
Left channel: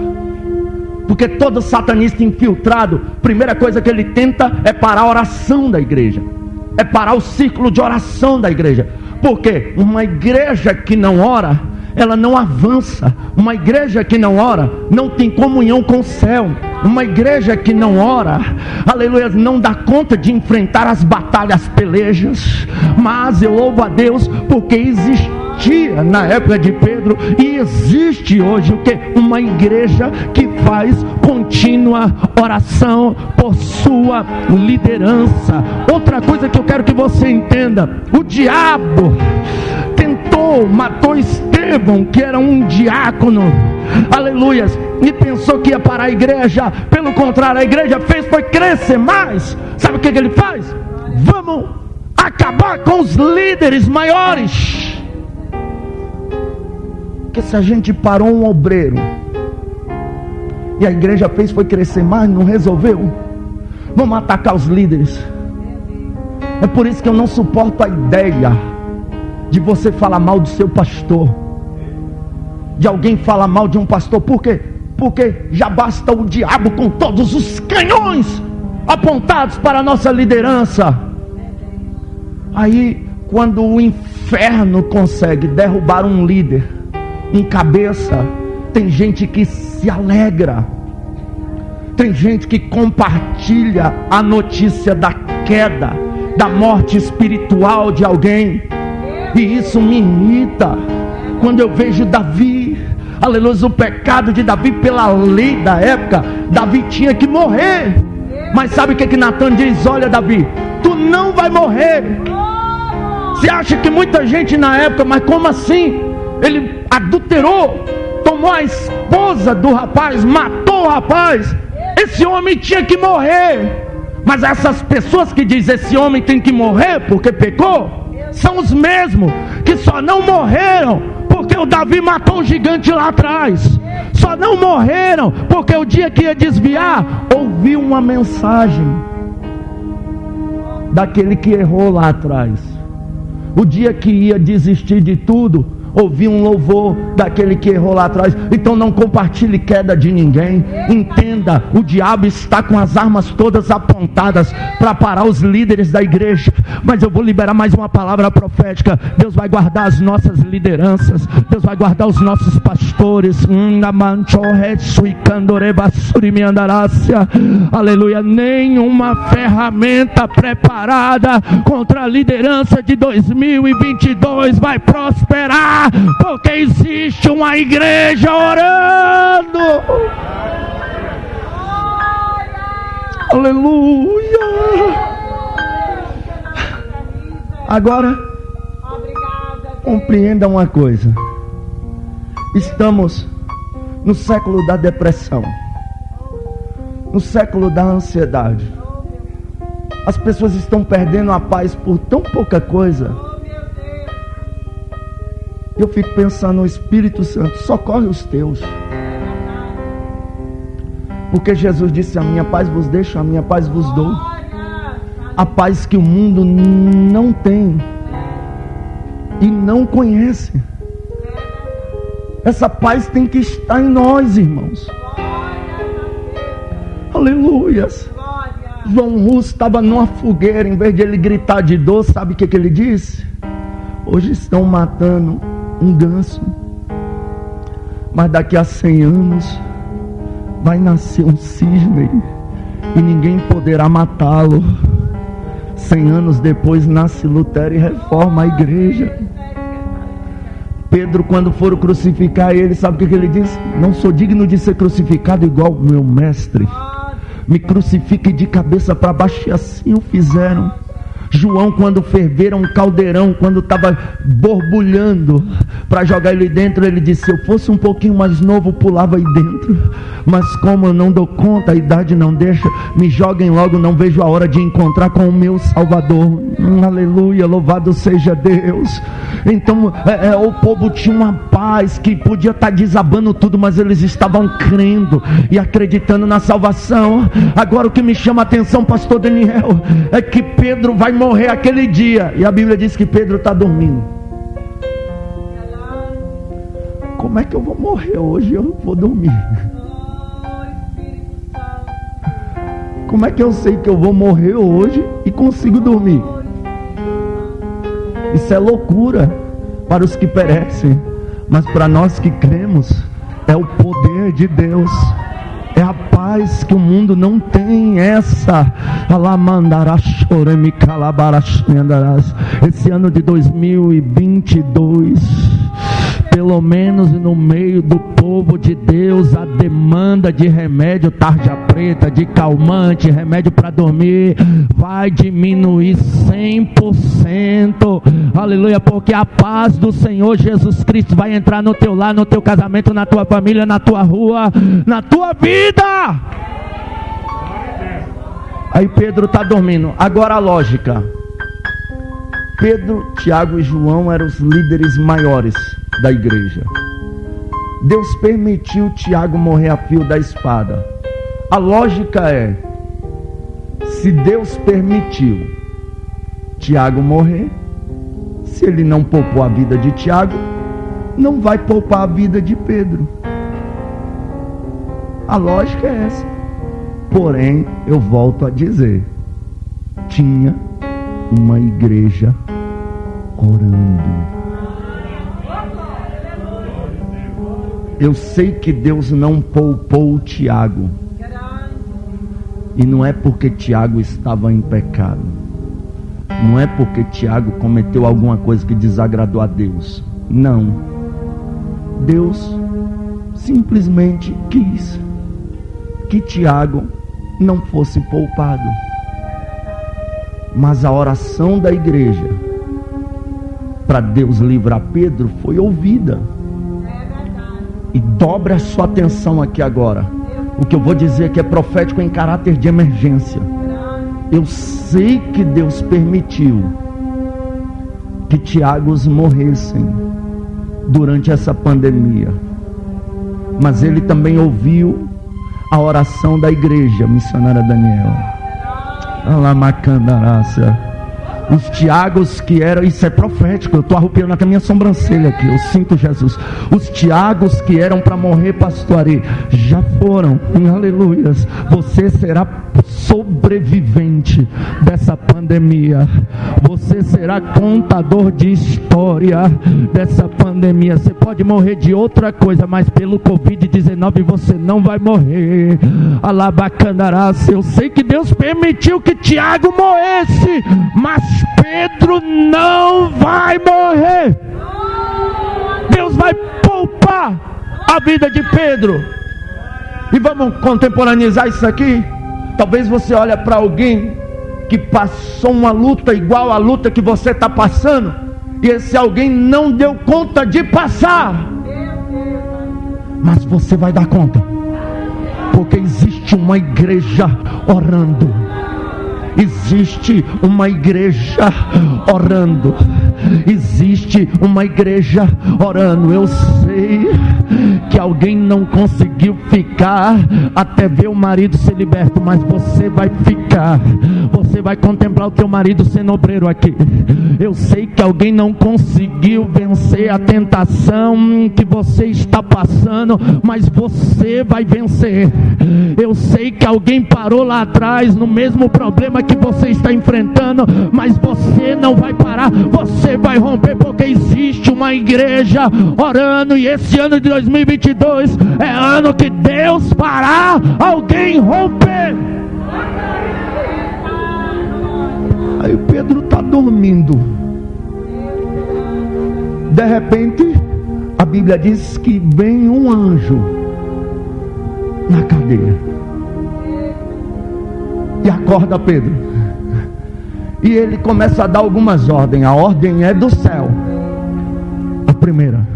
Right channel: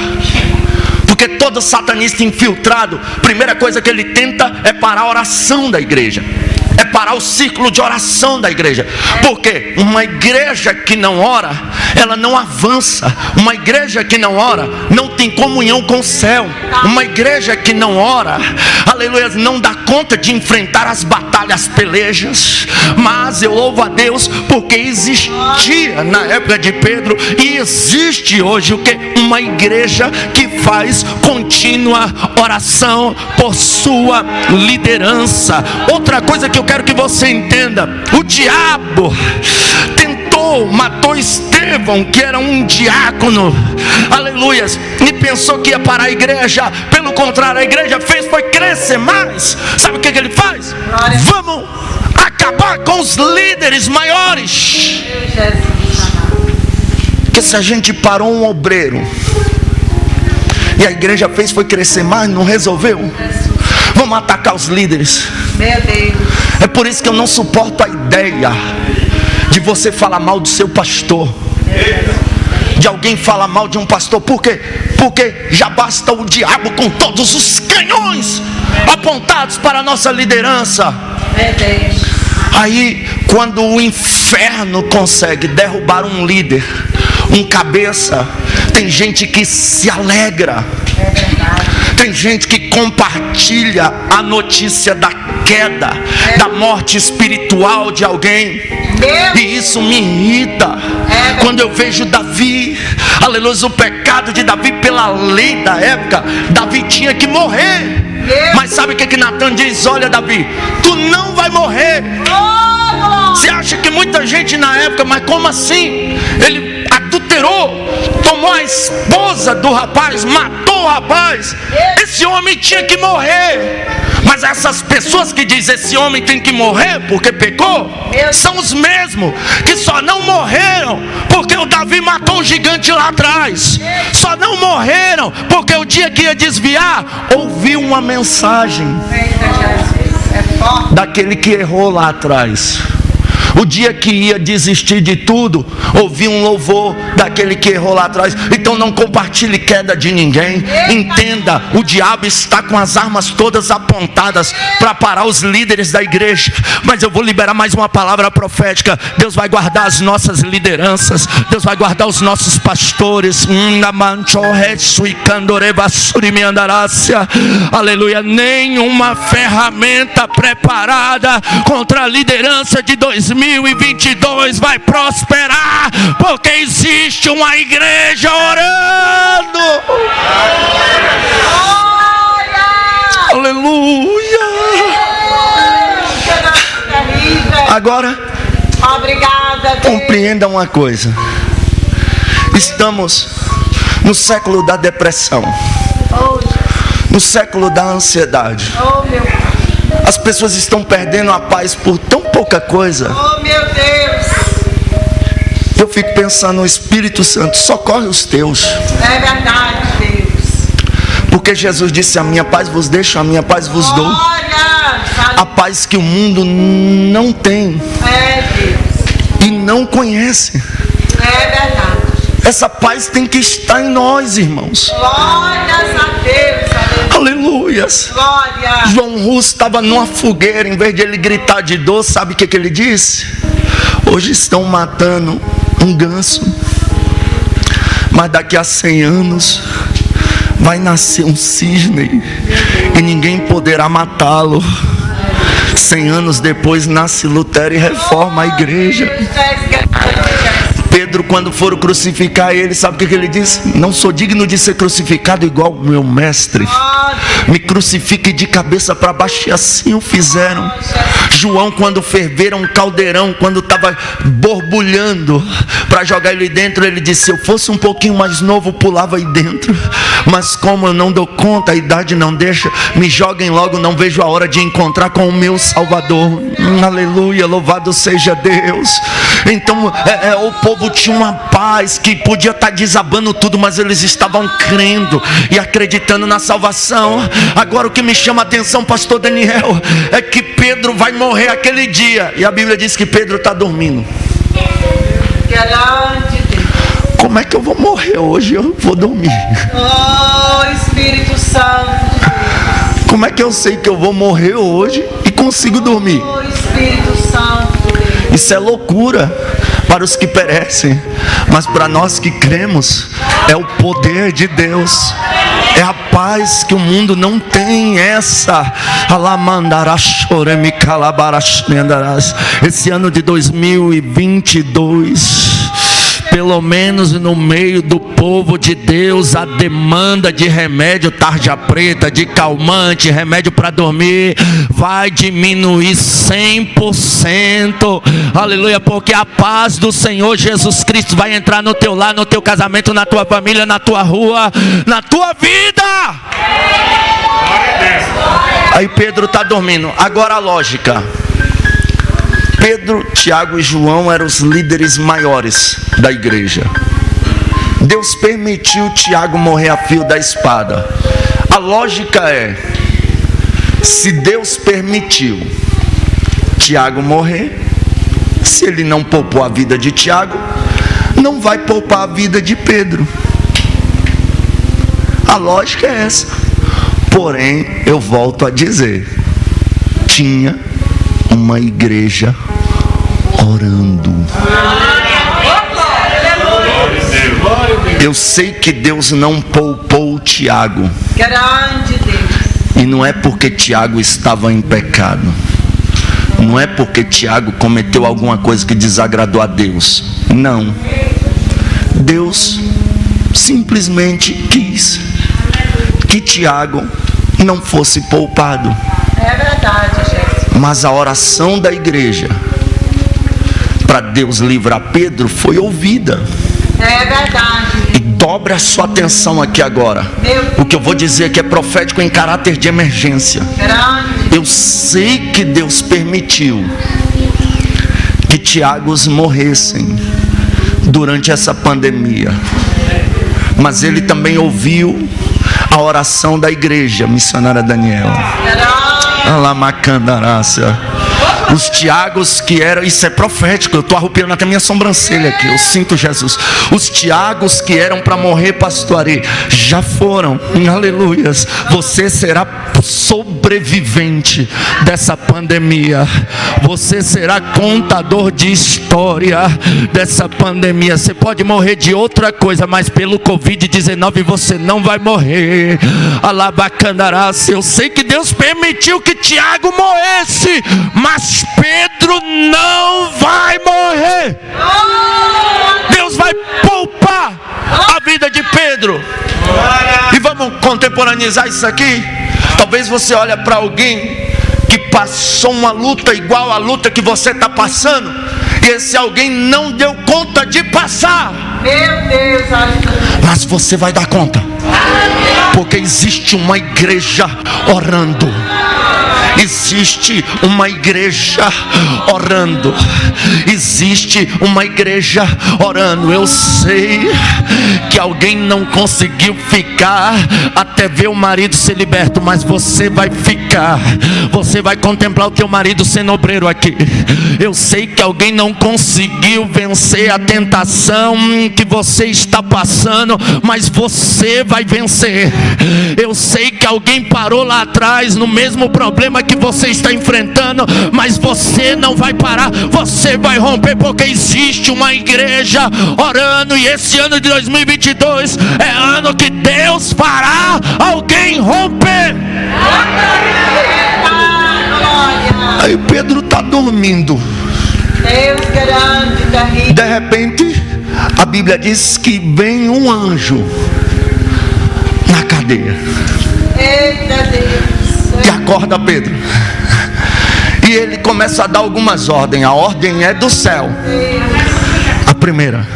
Porque todo satanista infiltrado, primeira coisa que ele tenta é parar a oração da igreja, é parar o círculo de oração da igreja. Porque uma igreja que não ora, ela não avança. Uma igreja que não ora, não tem comunhão com o céu. Uma igreja que não ora, aleluia, não dá conta de enfrentar as batalhas, pelejas. Mas eu louvo a Deus, porque existia na época de Pedro, e existe hoje o que? Uma igreja que faz contínua oração por sua liderança. Outra coisa que eu quero que você entenda: o diabo matou Estevão, que era um diácono, aleluias, e pensou que ia parar a igreja. Pelo contrário, a igreja foi crescer mais. Sabe o que ele faz? Vamos acabar com os líderes maiores. Porque se a gente parou um obreiro e a igreja foi crescer mais, não resolveu. Vamos atacar os líderes. Meu Deus. É por isso que eu não suporto a ideia de você falar mal do seu pastor, de alguém falar mal de um pastor. Por quê? Porque já basta o diabo com todos os canhões apontados para a nossa liderança. Aí, quando o inferno consegue derrubar um líder, um cabeça, tem gente que se alegra, tem gente que compartilha a notícia da queda, da morte espiritual de alguém. E isso me irrita. Quando eu vejo Davi, aleluia, o pecado de Davi pela lei da época, Davi tinha que morrer. Mas sabe o que Natan diz? Olha, Davi, tu não vai morrer. Você acha que muita gente na época, mas como assim? Ele adulterou, tomou a esposa do rapaz, matou o rapaz. Esse homem tinha que morrer. Mas essas pessoas que dizem esse homem tem que morrer porque pecou, são os mesmos que só não morreram porque o Davi matou o gigante lá atrás. Só não morreram porque o dia que ia desviar, ouviu uma mensagem daquele que errou lá atrás. O dia que ia desistir de tudo, ouvi um louvor daquele que errou lá atrás. Então não compartilhe queda de ninguém. Entenda, o diabo está com as armas todas apontadas para parar os líderes da igreja. Mas eu vou liberar mais uma palavra profética. Deus vai guardar as nossas lideranças, Deus vai guardar os nossos pastores. Aleluia. Nenhuma ferramenta preparada contra a liderança de 2022 vai prosperar, porque existe uma igreja orando. Aleluia. Agora, compreenda uma coisa: estamos no século da depressão, no século da ansiedade. As pessoas estão perdendo a paz por tão pouca coisa. Oh, meu Deus. Eu fico pensando, o Espírito Santo, socorre os teus. É verdade, Deus. Porque Jesus disse: a minha paz vos deixo, a minha paz vos dou. A paz que o mundo não tem e não conhece. É verdade. Essa paz tem que estar em nós, irmãos. Glórias a Deus. Aleluias. Glória. João Russo estava numa fogueira. Em vez de ele gritar de dor, sabe o que ele disse? Hoje estão matando um ganso, mas daqui a 100 anos vai nascer um cisne e ninguém poderá matá-lo. 100 anos depois nasce Lutero e reforma a igreja. Pedro, quando foram crucificar ele, sabe o que ele disse? Não sou digno de ser crucificado igual o meu mestre. Me crucifique de cabeça para baixo. E assim o fizeram. João, quando ferveram um caldeirão, quando estava borbulhando para jogar ele dentro, ele disse: se eu fosse um pouquinho mais novo, pulava aí dentro, mas como eu não dou conta, a idade não deixa, me joguem logo, não vejo a hora de encontrar com o meu Salvador. Aleluia, louvado seja Deus. Então o povo tinha uma paz que podia estar desabando tudo, mas eles estavam crendo e acreditando na salvação. não. Agora o que me chama a atenção, pastor Daniel, é que Pedro vai morrer aquele dia. E a Bíblia diz que Pedro está dormindo. Como é que eu vou morrer hoje? Eu vou dormir. Oh, Espírito Santo. Como é que eu sei que eu vou morrer hoje e consigo dormir? Oh, Espírito Santo. Isso é loucura para os que perecem, mas para nós que cremos, é o poder de Deus. É a paz que o mundo não tem. Esse ano de 2022, pelo menos no meio do povo de Deus, a demanda de remédio tarja preta, de calmante, remédio para dormir, vai diminuir 100%. Aleluia, porque a paz do Senhor Jesus Cristo vai entrar no teu lar, no teu casamento, na tua família, na tua rua, na tua vida. Aí Pedro está dormindo. Agora a lógica. Pedro, Tiago e João eram os líderes maiores da igreja. Deus permitiu Tiago morrer a fio da espada. A lógica é: se Deus permitiu Tiago morrer, se ele não poupou a vida de Tiago, não vai poupar a vida de Pedro. A lógica é essa. Porém, eu volto a dizer, tinha uma igreja orando. Eu sei que Deus não poupou o Tiago, e não é porque Tiago estava em pecado, não é porque Tiago cometeu alguma coisa que desagradou a Deus. Não. Deus simplesmente quis que Tiago não fosse poupado. É verdade, gente. Mas a oração da igreja para Deus livrar Pedro foi ouvida. É verdade. E dobra a sua atenção aqui agora. O que eu vou dizer aqui é profético em caráter de emergência. Eu sei que Deus permitiu que Tiagos morressem durante essa pandemia, mas Ele também ouviu a oração da igreja missionária Daniel. Alamacandarácia. Os Tiagos que eram, isso é profético, eu estou arrupiando até minha sobrancelha aqui, eu sinto Jesus. Os Tiagos que eram para morrer, pastor Ari, já foram, aleluias. Você será sobrevivente dessa pandemia. Você será contador de história dessa pandemia. Você pode morrer de outra coisa, mas pelo Covid-19 você não vai morrer. Alabacandarás. Eu sei que Deus permitiu que Tiago morresse, mas Pedro não vai morrer. Deus vai poupar a vida de Pedro. E vamos contemporaneizar isso aqui. Talvez você olhe para alguém que passou uma luta igual à luta que você está passando, e esse alguém não deu conta de passar. Meu Deus, mas você vai dar conta, porque existe uma igreja orando. Existe uma igreja orando. Existe uma igreja orando. Eu sei que alguém não conseguiu ficar até ver o marido ser liberto, mas você vai ficar. Você vai contemplar o teu marido sendo obreiro aqui. Eu sei que alguém não conseguiu vencer a tentação que você está passando, mas você vai vencer. Eu sei que alguém parou lá atrás no mesmo problema que você está enfrentando, mas você não vai parar, você vai romper, porque existe uma igreja orando. E esse ano de 2022 é ano que Deus fará alguém romper. Aí Pedro está dormindo. De repente a Bíblia diz que vem um anjo na cadeia e acorda Pedro, e ele começa a dar algumas ordens. A ordem é do céu. A primeira:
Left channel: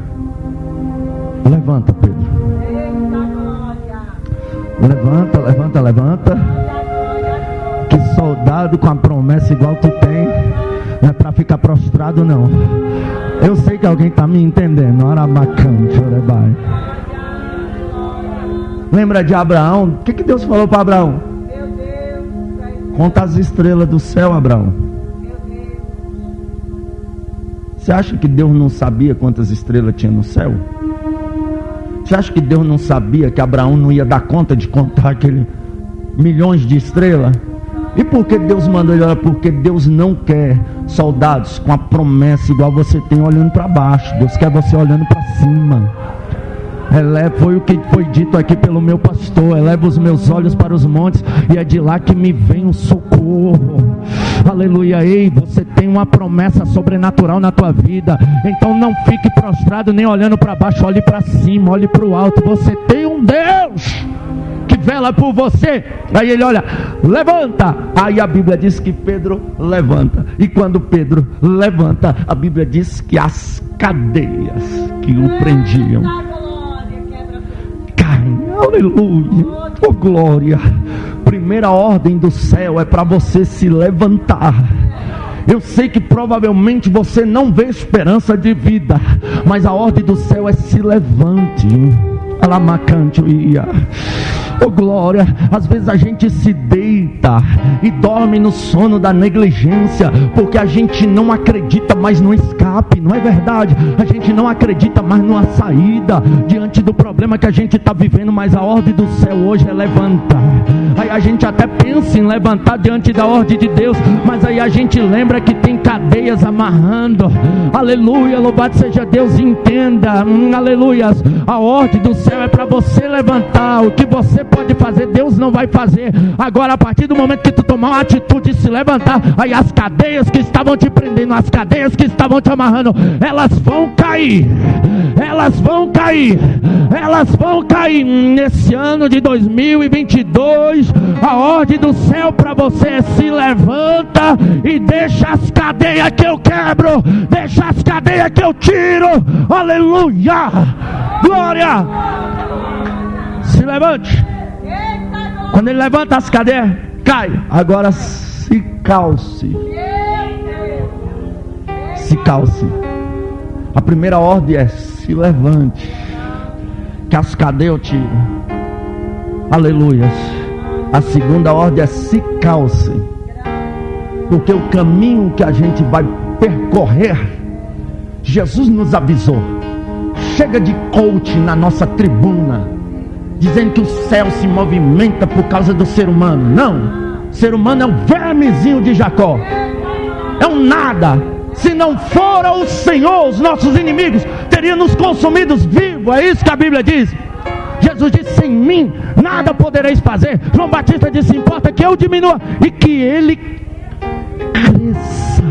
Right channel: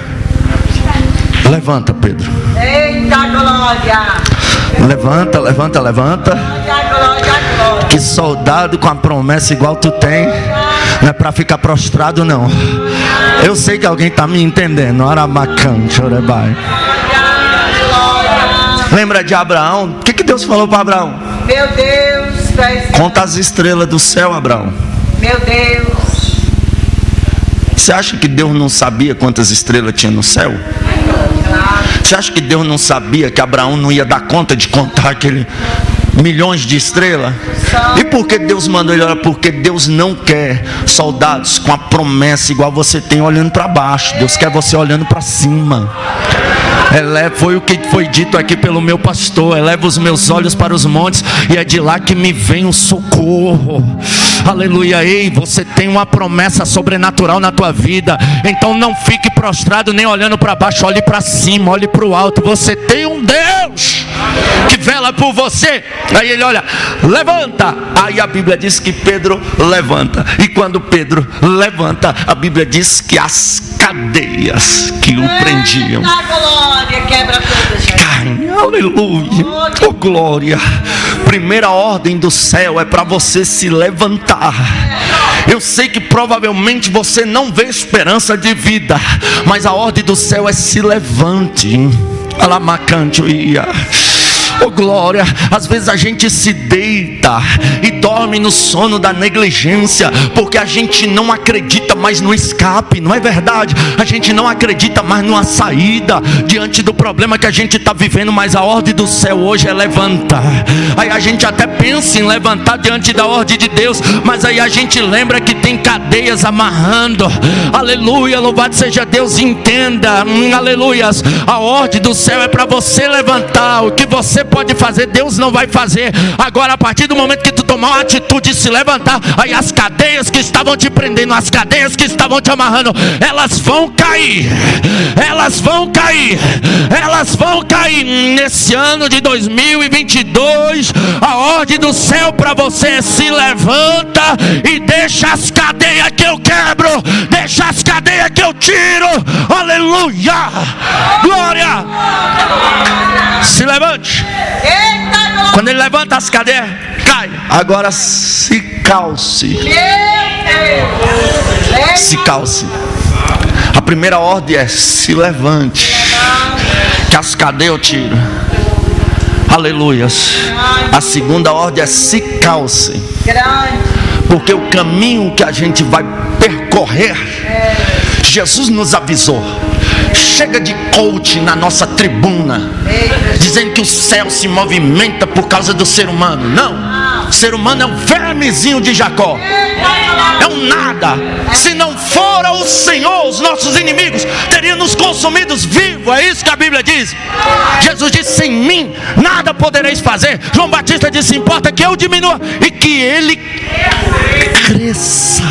levanta, Pedro. Eita glória. Levanta, levanta, levanta. Que soldado com a promessa igual tu tem não é para ficar prostrado, não. Eu sei que alguém está me entendendo. Lembra de Abraão? O que Deus falou para Abraão? Meu Deus, conta as estrelas do céu, Abraão. Meu Deus. Você acha que Deus não sabia quantas estrelas tinha no céu? Você acha que Deus não sabia que Abraão não ia dar conta de contar aquele milhões de estrelas? E por que Deus mandou ele olhar? Porque Deus não quer soldados com a promessa igual você tem olhando para baixo. Deus quer você olhando para cima. Foi o que foi dito aqui pelo meu pastor: eleva os meus olhos para os montes, e é de lá que me vem o socorro. Aleluia. Ei, você tem uma promessa sobrenatural na tua vida, então não fique prostrado nem olhando para baixo, olhe para cima, olhe para o alto. Você tem um Deus que vela por você. Aí ele olha, levanta. Aí a Bíblia diz que Pedro levanta, e quando Pedro levanta, a Bíblia diz que as cadeias que o prendiam caem. Aleluia. Oh glória. Primeira ordem do céu é para você se levantar. Eu sei que provavelmente você não vê esperança de vida, mas a ordem do céu é: se levante. Alamacante ia. Oh glória. Às vezes a gente se deita e dorme no sono da negligência, porque a gente não acredita mais no escape, não é verdade? A gente não acredita mais numa saída diante do problema que a gente está vivendo. Mas a ordem do céu hoje é levantar. Aí a gente até pensa em levantar diante da ordem de Deus, mas aí a gente lembra que tem cadeias amarrando. Aleluia, louvado seja Deus. Entenda, aleluias, a ordem do céu é para você levantar. O que você pode fazer, Deus não vai fazer. Agora, a partir do momento que tu tomar uma atitude de se levantar, aí as cadeias que estavam te prendendo, as cadeias que estavam te amarrando, elas vão cair. Elas vão cair. Elas vão cair. Nesse ano de 2022, a ordem do céu para você é: se levanta e deixa as cadeias que eu quebro, deixa as cadeias que eu tiro. Aleluia, glória. Se levante. Quando ele levanta, as cadeias caem. Agora se calce. Se calce. A primeira ordem é: se levante, que as cadeias eu tiro. Aleluias. A segunda ordem é: se calce, porque o caminho que a gente vai percorrer, Jesus nos avisou. Chega de coach na nossa tribuna, dizendo que o céu se movimenta por causa do ser humano. Não, o ser humano é um vermezinho de Jacó, é um nada. Se não fora o Senhor, os nossos inimigos teriam nos consumidos vivos. É isso que a Bíblia diz. Jesus disse: sem mim nada podereis fazer. João Batista disse: importa que eu diminua e que ele cresça.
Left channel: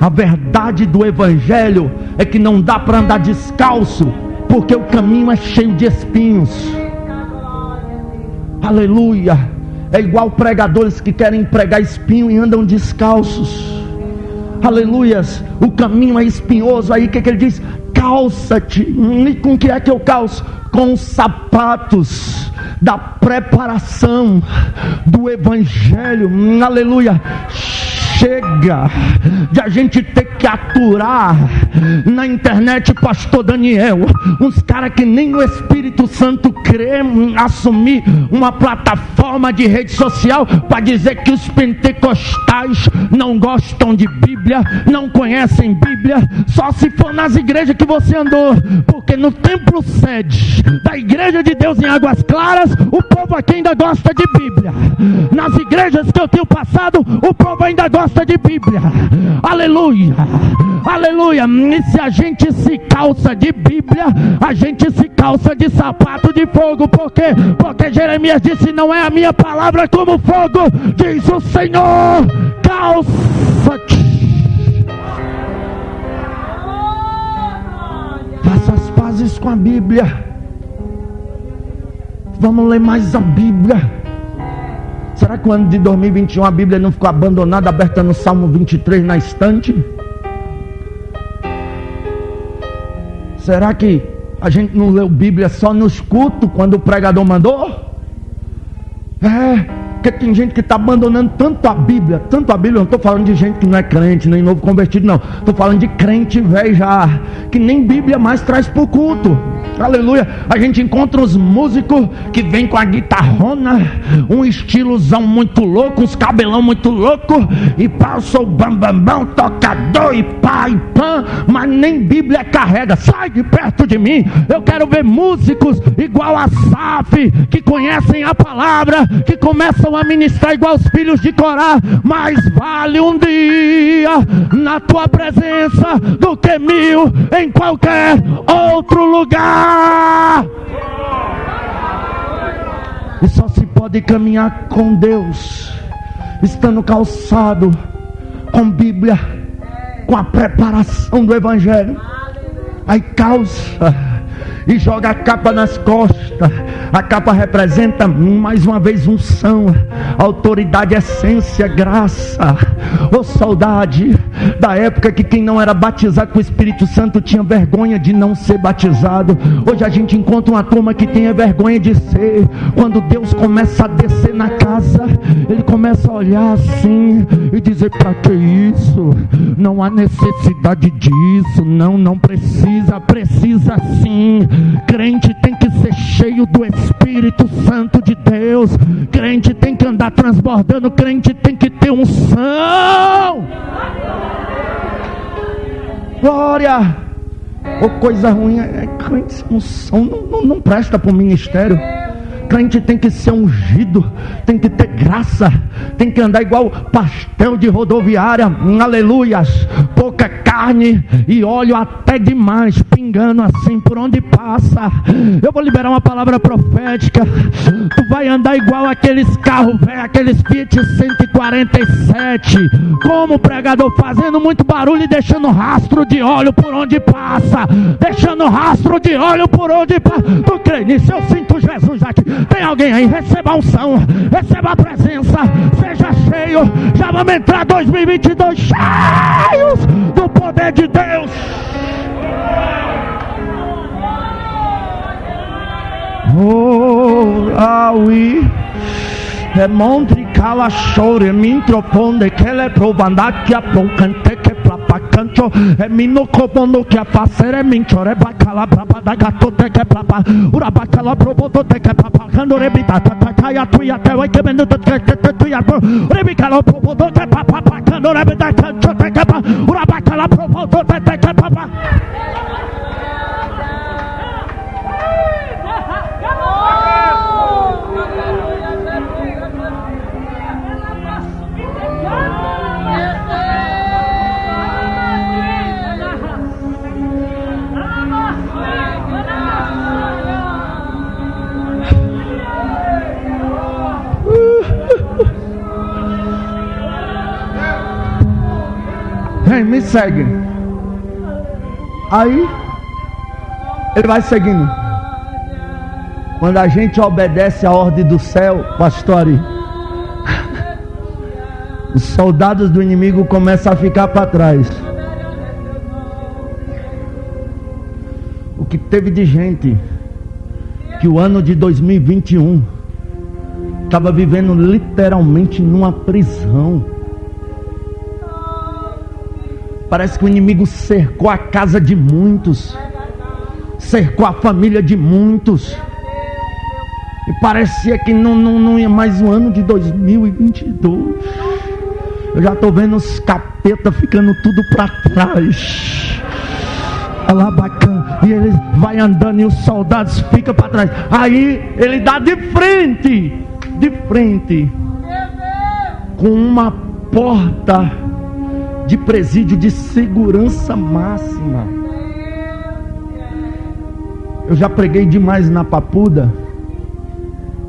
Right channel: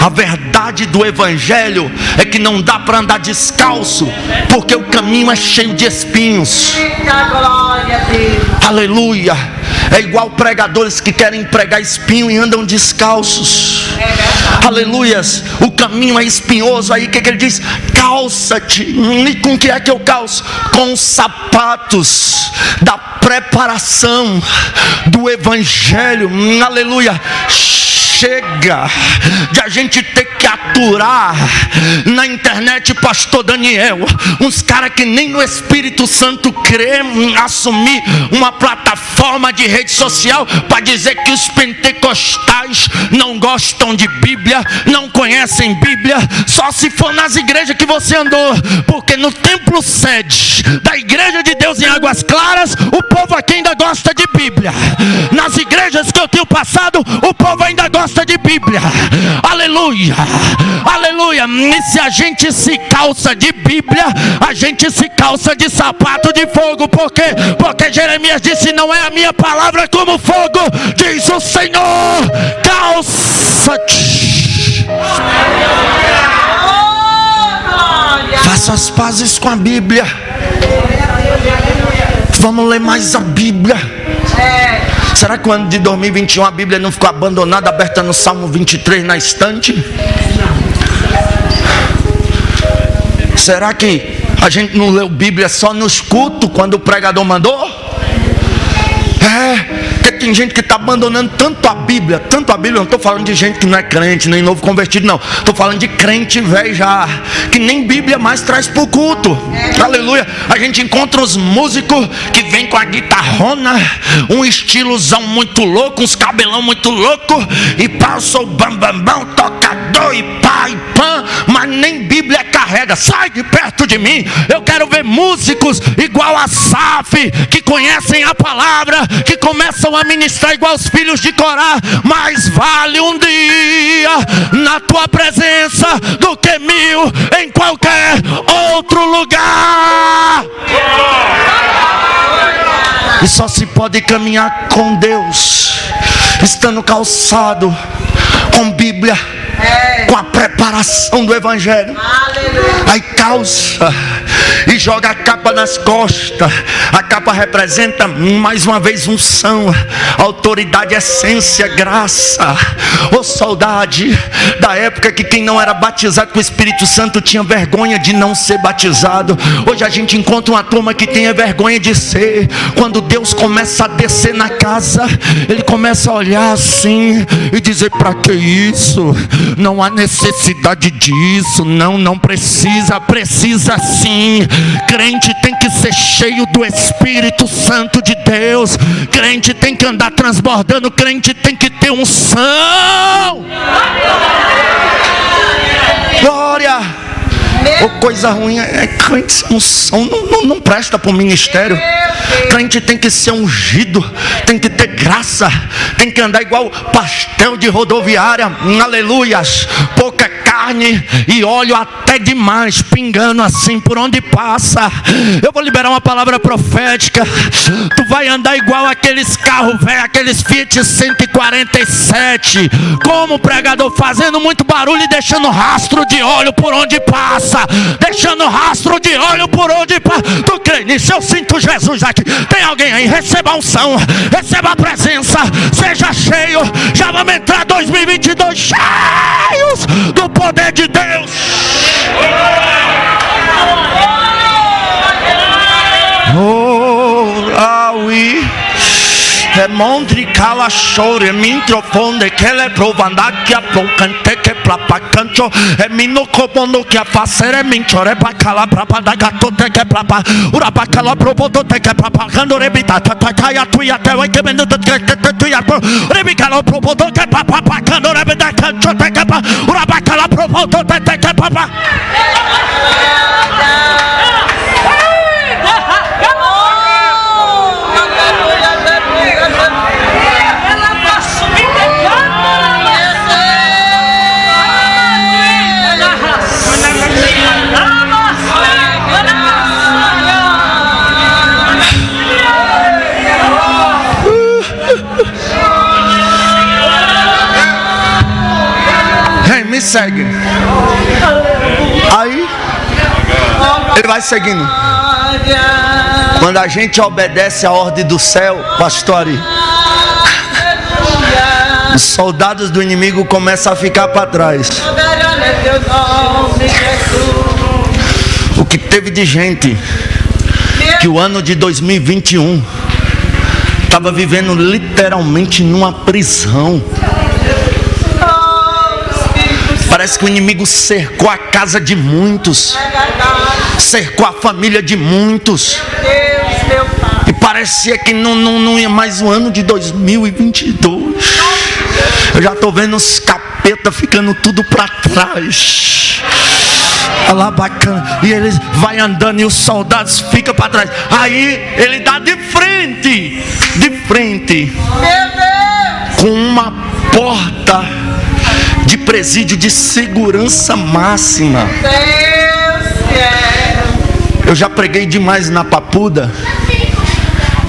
A verdade do Evangelho é que não dá para andar descalço, porque o caminho é cheio de espinhos. Aleluia. É igual pregadores que querem pregar espinho e andam descalços. Aleluias. O caminho é espinhoso. Aí o que ele diz? Calça-te. E com que é que eu calço? Com os sapatos da preparação do Evangelho. Aleluia. Chega de a gente ter que aturar na internet, pastor Daniel, uns caras que nem no Espírito Santo crê, assumir uma plataforma de rede social para dizer que os pentecostais não gostam de Bíblia, não conhecem Bíblia, só se for nas igrejas que você andou, porque no templo sede da Igreja de Deus em Águas Claras, o povo aqui ainda gosta de Bíblia. Nas igrejas que eu tenho passado, o povo ainda gosta de Bíblia. Aleluia, aleluia. E se a gente se calça de Bíblia, a gente se calça de sapato de fogo. Por quê? Porque Jeremias disse: não é a minha palavra como fogo, diz o Senhor. Calça-te. Faça as pazes com a Bíblia. Vamos ler mais a Bíblia. Será que o ano de 2021 a Bíblia não ficou abandonada, aberta no Salmo 23 na estante? Será que a gente não leu Bíblia só nos cultos quando o pregador mandou? Porque tem gente que está abandonando tanto a Bíblia. Não estou falando de gente que não é crente, nem novo convertido, não. Estou falando de crente velho já, que nem Bíblia mais traz para o culto. Aleluia. A gente encontra uns músicos que vêm com a guitarrona, um estilozão muito louco, uns cabelão muito louco, e passa o bambambão, tocador, e pá, e pã, mas nem Bíblia carrega. Sai de perto de mim. Eu quero ver músicos igual a Asaf, que conhecem a palavra, que começam a ministrar igual os filhos de Corá. Mais vale um dia na tua presença do que 1000 em qualquer outro lugar. E só se pode caminhar com Deus estando calçado com Bíblia, com a preparação do Evangelho. Aí calça e joga a capa nas costas. A capa representa mais uma vez unção, autoridade, essência, graça. Saudade da época que quem não era batizado com o Espírito Santo tinha vergonha de não ser batizado. Hoje a gente encontra uma turma que tem vergonha de ser. Quando Deus começa a descer na casa, ele começa a olhar assim e dizer: para que isso? Não há necessidade disso. Não precisa sim. Crente tem que ser cheio do Espírito Santo de Deus. Crente tem que andar transbordando. Crente tem que ter unção. Glória. Coisa ruim é crente sem unção. Não presta para o ministério. Crente tem que ser ungido, tem que ter graça, tem que andar igual pastel de rodoviária. Aleluias. Pouca carne e óleo até demais, pingando assim por onde passa. Eu vou liberar uma palavra profética. Tu vai andar igual aqueles carros velhos, aqueles Fiat 147, como pregador, fazendo muito barulho e deixando rastro de óleo por onde passa. Deixando rastro de óleo por onde passa. Tu crê nisso? Eu sinto Jesus aqui. Tem alguém aí? Receba a unção, receba a presença, seja cheio. Já vamos entrar 2022 cheios do poder de Deus. Aui. É mondri cala chore microfone que le provanda que a ploncante que plapa cancho é mino comono que a fazer é minchore bacala prapa da gato te que plapa ura bacala proboto te que plapa quando rebita tataia tuia te vai que bendo te tuia rebicala proboto que plapa quando rebita cancho te que plapa ura bacala proboto te que plapa. Me segue. Aí ele vai seguindo. Quando a gente obedece a ordem do céu, pastor, os soldados do inimigo começam a ficar para trás. O que teve de gente que o ano de 2021 estava vivendo literalmente numa prisão. Parece que o inimigo cercou a casa de muitos, cercou a família de muitos, e parecia que não ia mais o ano de 2022. Eu já estou vendo os capetas ficando tudo para trás. Olha lá, bacana. E ele vai andando e os soldados ficam para trás. Aí ele dá de frente com uma porta de presídio de segurança máxima. Eu já preguei demais na Papuda.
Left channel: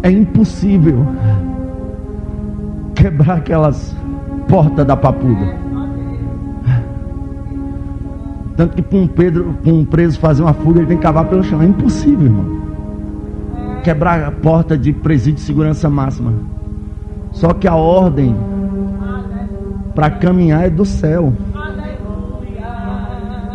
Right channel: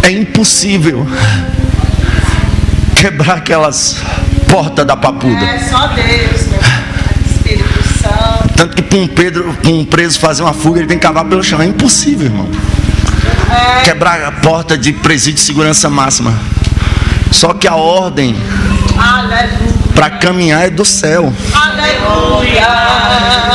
É impossível quebrar aquelas portas da Papuda. É só Deus, meu Espírito Santo. Tanto que para um preso fazer uma fuga, ele tem que cavar pelo chão. É impossível, irmão. Quebrar a porta de presídio de segurança máxima. Só que a ordem para caminhar é do céu. Aleluia.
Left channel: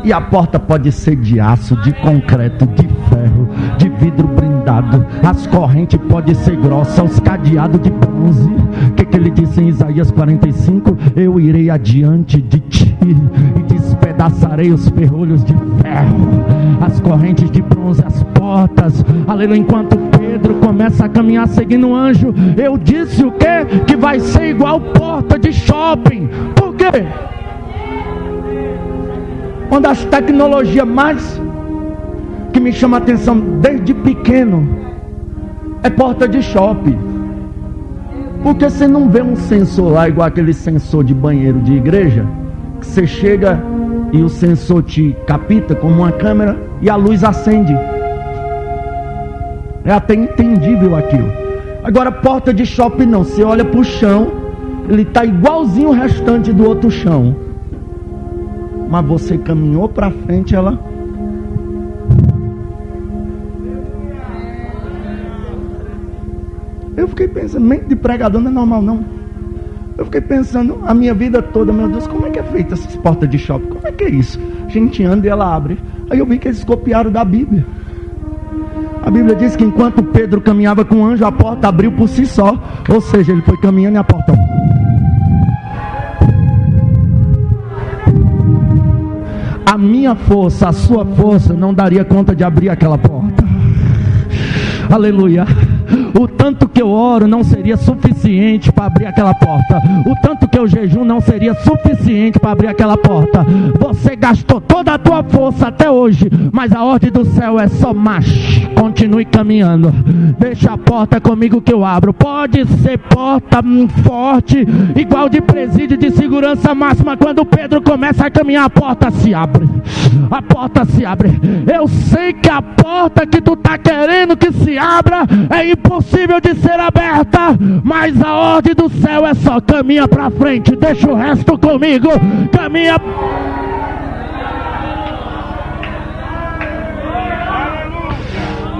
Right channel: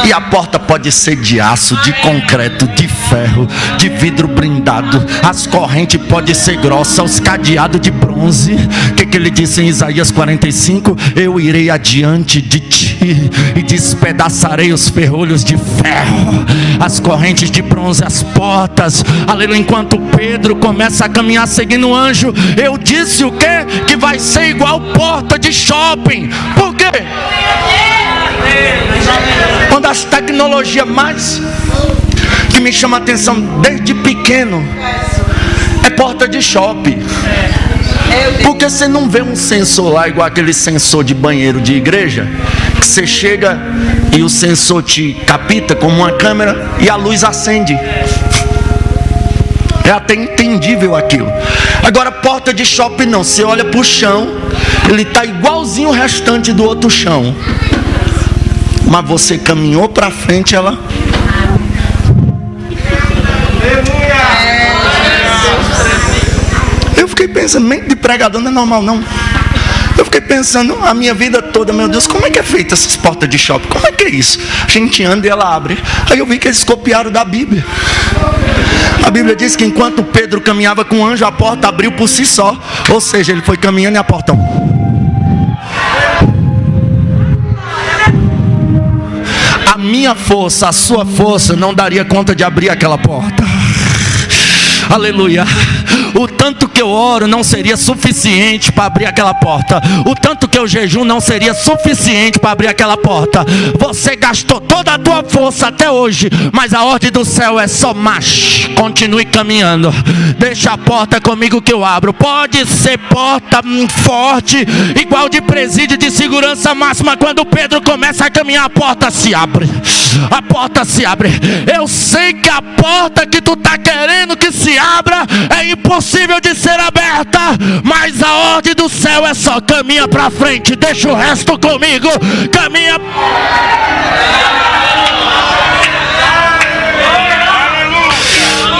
E a porta pode ser de aço, de concreto, de ferro, de vidro blindado. As correntes podem ser grossas, os cadeados de bronze. O que ele disse em Isaías 45? Eu irei adiante de ti e despedaçarei os ferrolhos de ferro, as correntes de bronze, as portas. Aleluia. Enquanto Pedro começa a caminhar seguindo o anjo, eu disse o quê? Que vai ser igual porta de shopping. Por quê? Uma das tecnologias mais que me chama a atenção desde pequeno é porta de shopping. Porque você não vê um sensor lá igual aquele sensor de banheiro de igreja, que você chega e o sensor te capta como uma câmera e a luz acende. É até entendível aquilo. Agora porta de shopping não, você olha para o chão, ele está igualzinho o restante do outro chão, mas você caminhou para frente, ela... Eu fiquei pensando, mente de pregador não é normal não. Eu fiquei pensando a minha vida toda, meu Deus, como é que é feita essas portas de shopping? Como é que é isso? A gente anda e ela abre. Aí eu vi que eles copiaram da Bíblia. A Bíblia diz que enquanto Pedro caminhava com o anjo, a porta abriu por si só. Ou seja, ele foi caminhando e a porta... A minha força, a sua força não daria conta de abrir aquela porta. Aleluia. O tanto que eu oro não seria suficiente para abrir aquela porta. O tanto que eu jejum não seria suficiente para abrir aquela porta. Você gastou toda a tua força até hoje, mas a ordem do céu é só marche. Continue caminhando. Deixa a porta comigo que eu abro. Pode ser porta forte, igual de presídio de segurança máxima. Quando Pedro começa a caminhar, a porta se abre. A porta se abre. Eu sei que a porta que tu está querendo que se abra é impossível de ser aberta, mas a ordem do céu é só caminha para frente, deixa o resto comigo, caminha.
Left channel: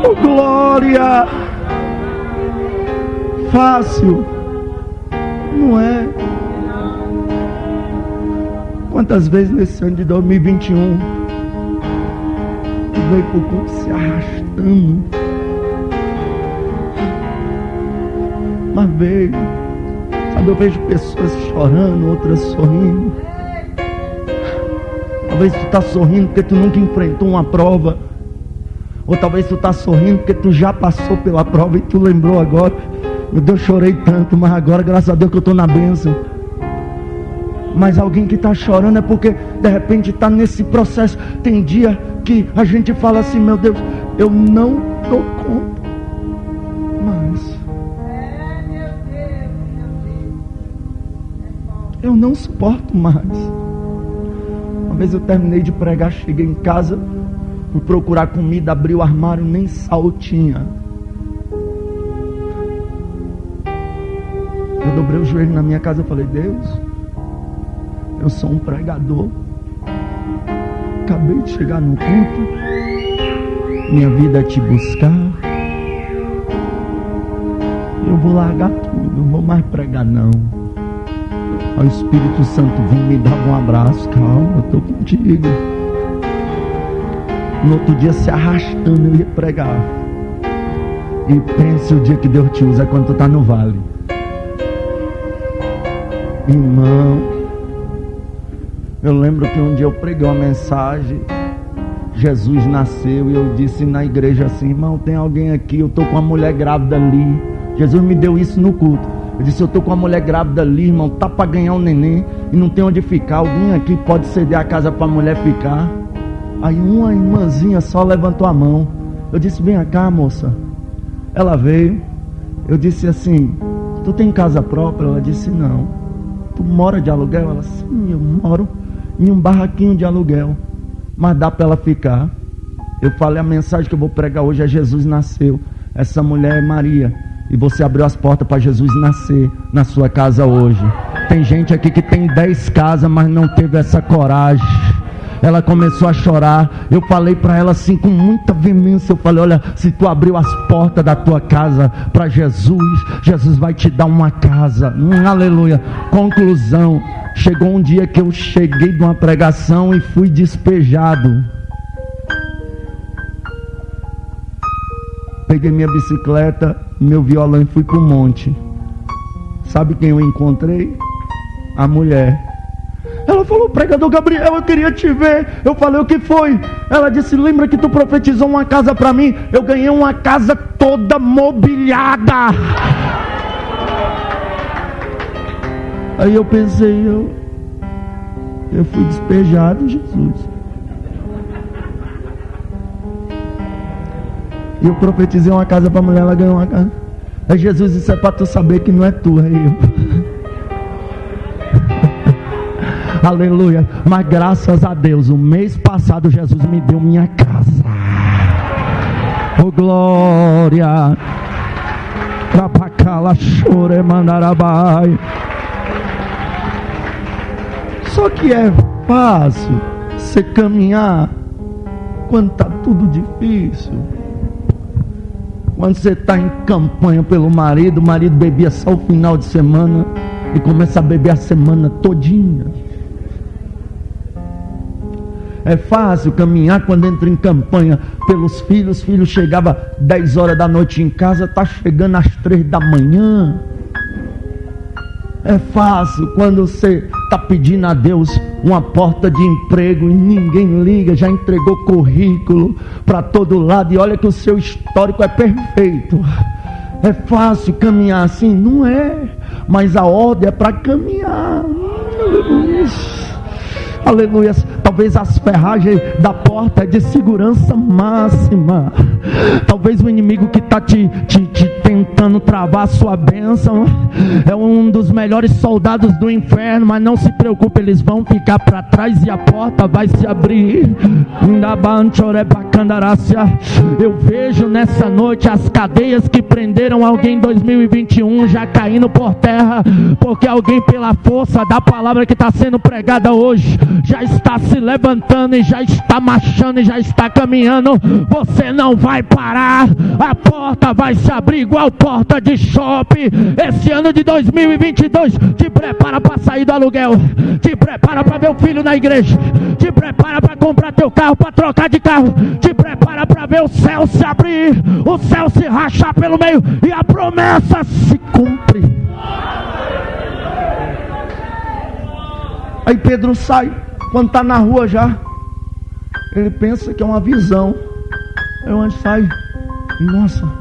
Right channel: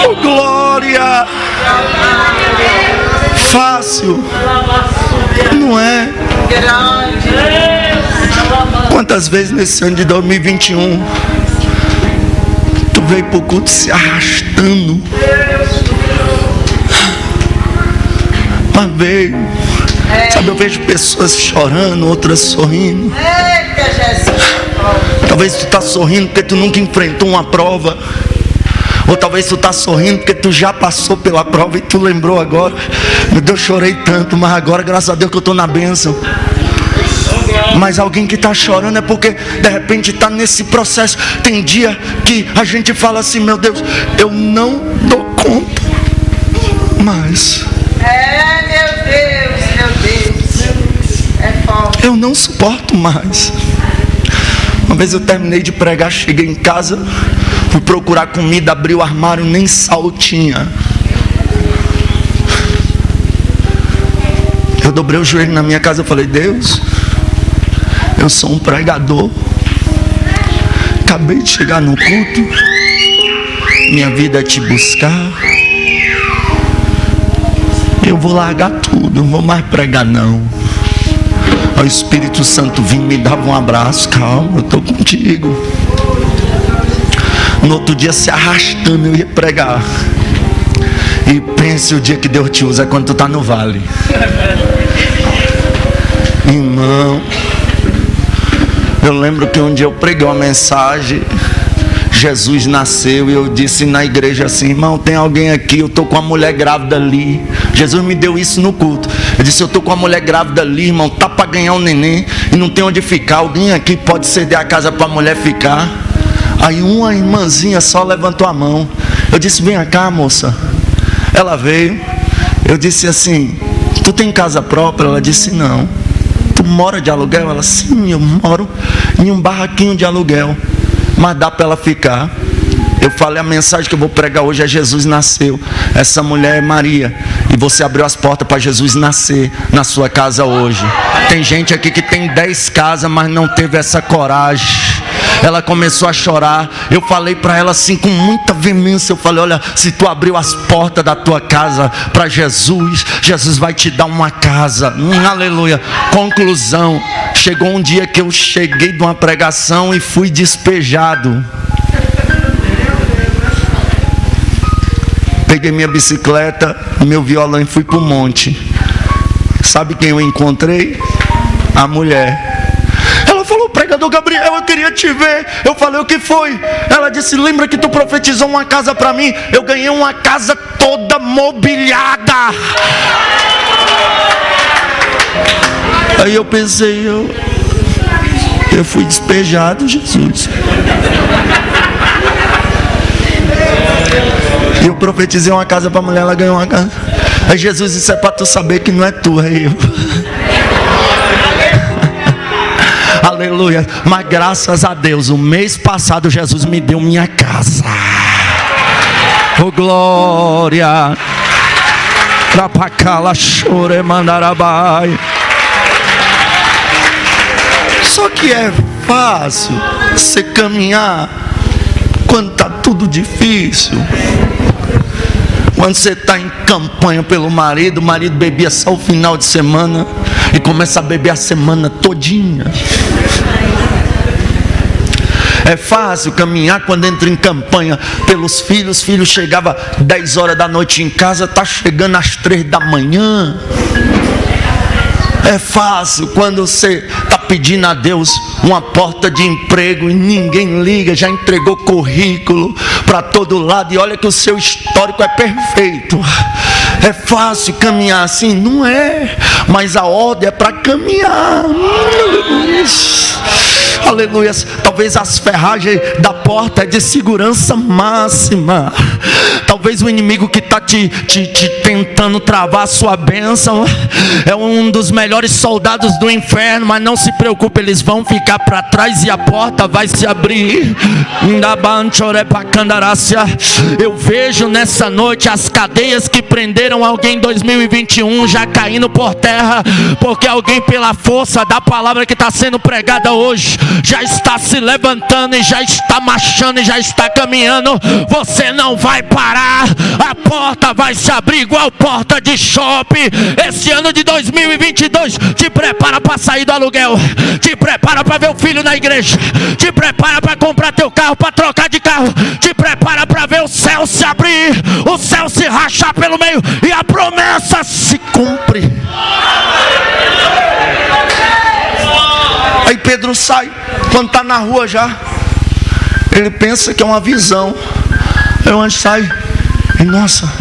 Oh, glória! Fácil não é? Quantas vezes nesse ano de 2021 tu veio pro culto se arrastando? Mas veio, sabe, eu vejo pessoas chorando, outras sorrindo. Talvez tu tá sorrindo porque tu nunca enfrentou uma prova, ou talvez tu tá sorrindo porque tu já passou pela prova e tu lembrou agora, meu Deus, chorei tanto, mas agora graças a Deus que eu tô na bênção. Mas alguém que está chorando é porque de repente está nesse processo. Tem dia que a gente fala assim, meu Deus, eu não dou conta mais. Meu Deus, é forte. Eu não suporto mais. Uma vez eu terminei de pregar, cheguei em casa, fui procurar comida, abri o armário, nem sal tinha. Eu dobrei o joelho na minha casa, eu falei, Deus, eu sou um pregador, acabei de chegar no culto, minha vida é te buscar, eu vou largar tudo, não vou mais pregar não. O Espírito Santo vinha, me dava um abraço, calma, eu estou contigo. No outro dia se arrastando eu ia pregar. E pense o dia que Deus te usa, é quando tu está no vale. Irmão, eu lembro que um dia eu preguei uma mensagem, Jesus nasceu, e eu disse na igreja assim, irmão, tem alguém aqui, eu estou com uma mulher grávida ali. Jesus me deu isso no culto. Eu disse, eu estou com uma mulher grávida ali, irmão, tá para ganhar um neném e não tem onde ficar. Alguém aqui pode ceder a casa para a mulher ficar? Aí uma irmãzinha só levantou a mão. Eu disse, vem cá, moça. Ela veio. Eu disse assim, tu tem casa própria? Ela disse, não. Tu mora de aluguel? Ela, sim, eu moro em um barraquinho de aluguel, mas dá para ela ficar. Eu falei, a mensagem que eu vou pregar hoje é Jesus nasceu. Essa mulher é Maria. E você abriu as portas para Jesus nascer na sua casa hoje. Tem gente aqui que tem 10 casas, mas não teve essa coragem. Ela começou a chorar. Eu falei para ela assim com muita veemência. Eu falei, olha, se tu abriu as portas da tua casa para Jesus, Jesus vai te dar uma casa. Aleluia. Conclusão, chegou um dia que eu cheguei de uma pregação e fui despejado. Peguei minha bicicleta, meu violão e fui para o monte. Sabe quem eu encontrei? A mulher. Ela falou, pregador Gabriel, eu queria te ver. Eu falei, o que foi? Ela disse, lembra que tu profetizou uma casa para mim? Eu ganhei uma casa toda mobiliada. Aí eu pensei, eu fui despejado, Jesus. E eu profetizei uma casa para a mulher, ela ganhou uma casa. Aí Jesus disse, é para tu saber que não é tu, é eu. Aleluia. Mas graças a Deus, o mês passado Jesus me deu minha casa. Oh glória. Rapacala chore mandarabai. Só que é fácil você caminhar quando está tudo difícil. Quando você está em campanha pelo marido, o marido bebia só o final de semana e começa a beber a semana todinha. É fácil caminhar quando entra em campanha pelos filhos. Os filhos chegavam 10 horas da noite em casa, está chegando às 3 da manhã. É fácil quando você está pedindo a Deus uma porta de emprego e ninguém liga, já entregou currículo para todo lado e olha que o seu histórico é perfeito. É fácil caminhar assim? Não é, mas a ordem é para caminhar. Aleluia. Talvez as ferragens da porta é de segurança máxima. Talvez o inimigo que está te tentando travar a sua bênção é um dos melhores soldados do inferno. Mas não se preocupe, eles vão ficar para trás e a porta vai se abrir. Eu vejo nessa noite as cadeias que prenderam alguém em 2021 já caindo por terra, porque alguém, pela força da palavra que está sendo pregada hoje, já está se levantando e já está marchando e já está caminhando. Você não vai parar, a porta vai se abrir igual porta de shopping. Esse ano de 2022 te prepara para sair do aluguel, te prepara para ver o filho na igreja, te prepara para comprar teu carro, para trocar de carro, te prepara para ver o céu se abrir, o céu se rachar pelo meio e a promessa se cumpre. Aí Pedro sai, quando está na rua já, ele pensa que é uma visão. Aí o anjo sai, e nossa,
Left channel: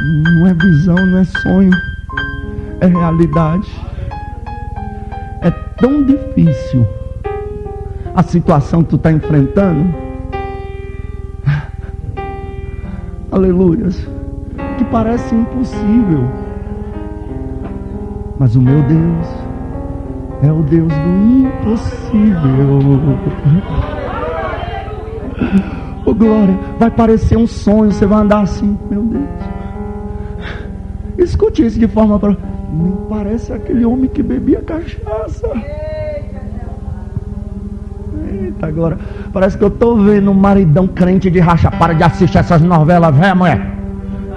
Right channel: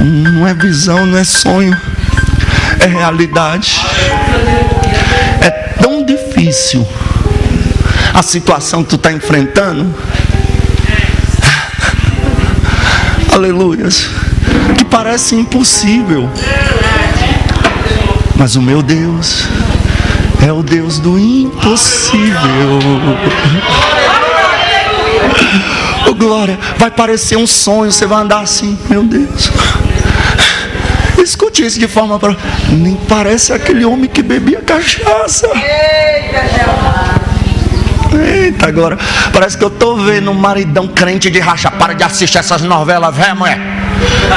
não é visão, não é sonho, é realidade. É tão difícil a situação que tu está enfrentando, aleluias, que parece impossível, mas o meu Deus é o Deus do impossível. Oh glória, vai parecer um sonho, você vai andar assim, meu Deus. Escute isso de forma para... Nem parece aquele homem que bebia cachaça. Eita, agora parece que eu estou vendo um maridão crente de racha. Para de assistir essas novelas, velho, mulher.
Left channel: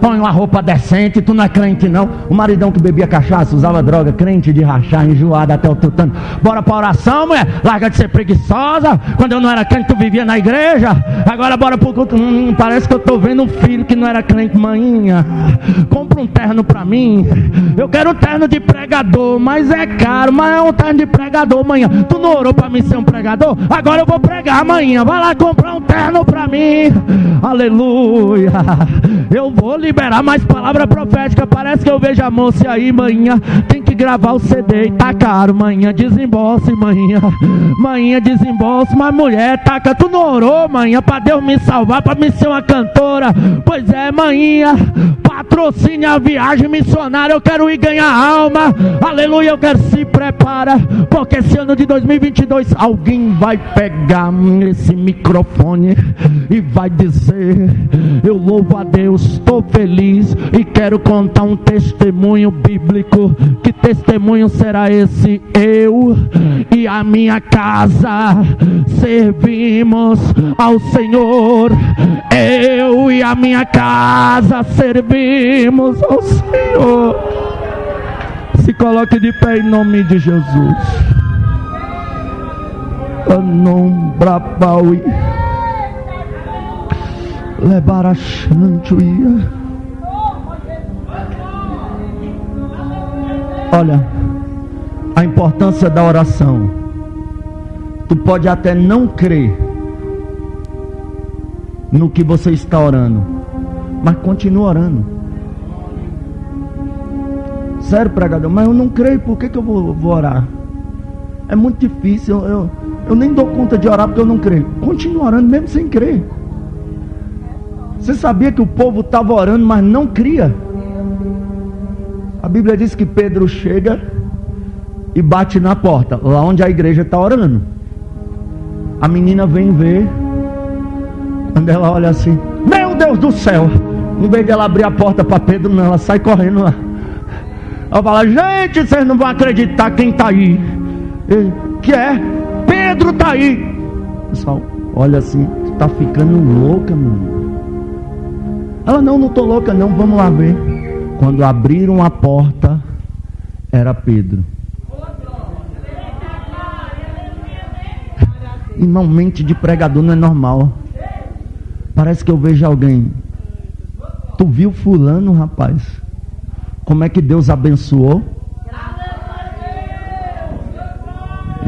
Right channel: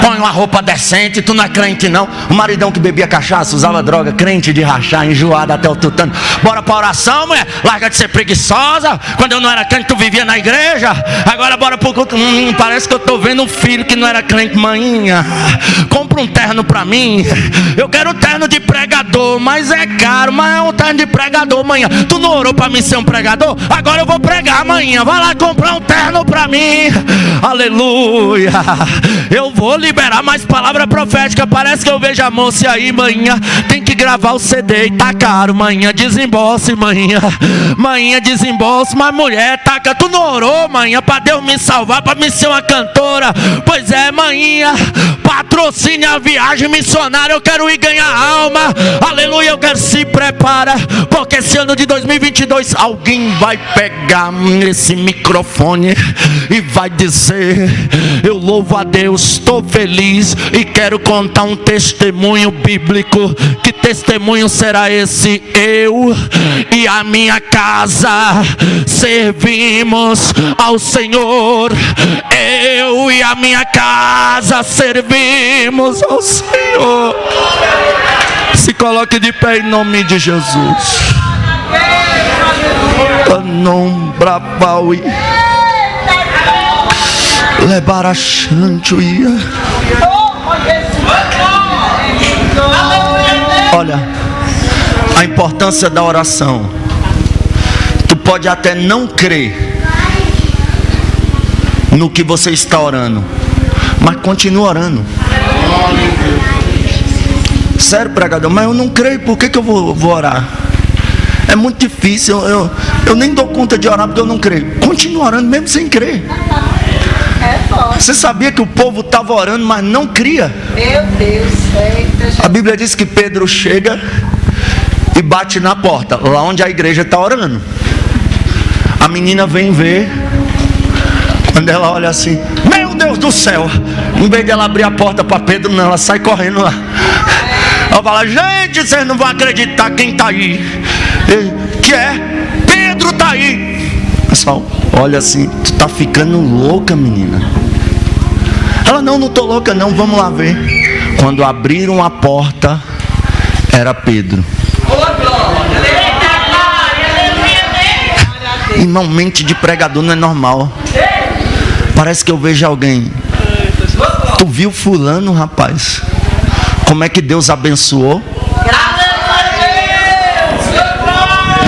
Põe uma roupa decente, tu não é crente não. O maridão que bebia cachaça, usava droga, crente de rachar, enjoado até o tutano. Bora pra oração, mulher. Larga de ser preguiçosa. Quando eu não era crente, tu vivia na igreja. Agora bora pro culto. Parece que eu tô vendo um filho que não era crente. Manhinha, compra um terno pra mim. Eu quero um terno de pregador, mas é caro. Mas é um terno de pregador, manhã. Tu não orou pra mim ser um pregador? Agora eu vou pregar, manhã. Vai lá comprar um terno pra mim. Aleluia. Eu vou liberar mais palavra profética. Parece que eu vejo a moça aí, manhã. Tem que gravar o CD e tá caro. Manhã, desembolse, manhã. Manhã, desembolse. Mas mulher, taca, tu não orou, manhã, pra Deus me salvar, pra me ser uma cantora? Pois é, manhã, patrocine a viagem missionária. Eu quero ir ganhar alma. Aleluia, eu quero. Se prepara, porque esse ano de 2022 alguém vai pegar esse microfone e vai dizer: eu louvo a Deus, estou feliz e quero contar um testemunho bíblico. Que testemunho será esse? Eu e a minha casa servimos ao Senhor. Eu e a minha casa servimos ao Senhor. Se coloque de pé em nome de Jesus. Anombra paui. Levar a chantuia. Olha, a importância da oração. Tu pode até não crer no que você está orando, mas continua orando. Sério, pregador, mas eu não creio, por que eu vou orar? É muito difícil, eu nem dou conta de orar porque eu não creio. Continua orando mesmo sem crer. Você sabia que o povo estava orando, mas não cria? Meu Deus. A Bíblia diz que Pedro chega e bate na porta, lá onde a igreja está orando. A menina vem ver. Quando ela olha assim, meu Deus do céu, em vez de ela abrir a porta para Pedro, não, ela sai correndo lá. Ela fala: gente, vocês não vão acreditar quem está aí. Que é? Pedro está aí. Pessoal, olha assim, tu está ficando louca, menina. Ela: não estou louca não, vamos lá ver. Quando abriram a porta, era Pedro. Irmão, mente de pregador não é normal. Parece que eu vejo alguém. Tu viu fulano, rapaz? Como é que Deus abençoou?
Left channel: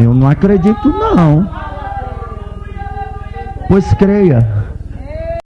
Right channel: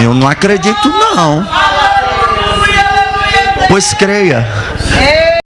Eu não acredito não. Pois creia.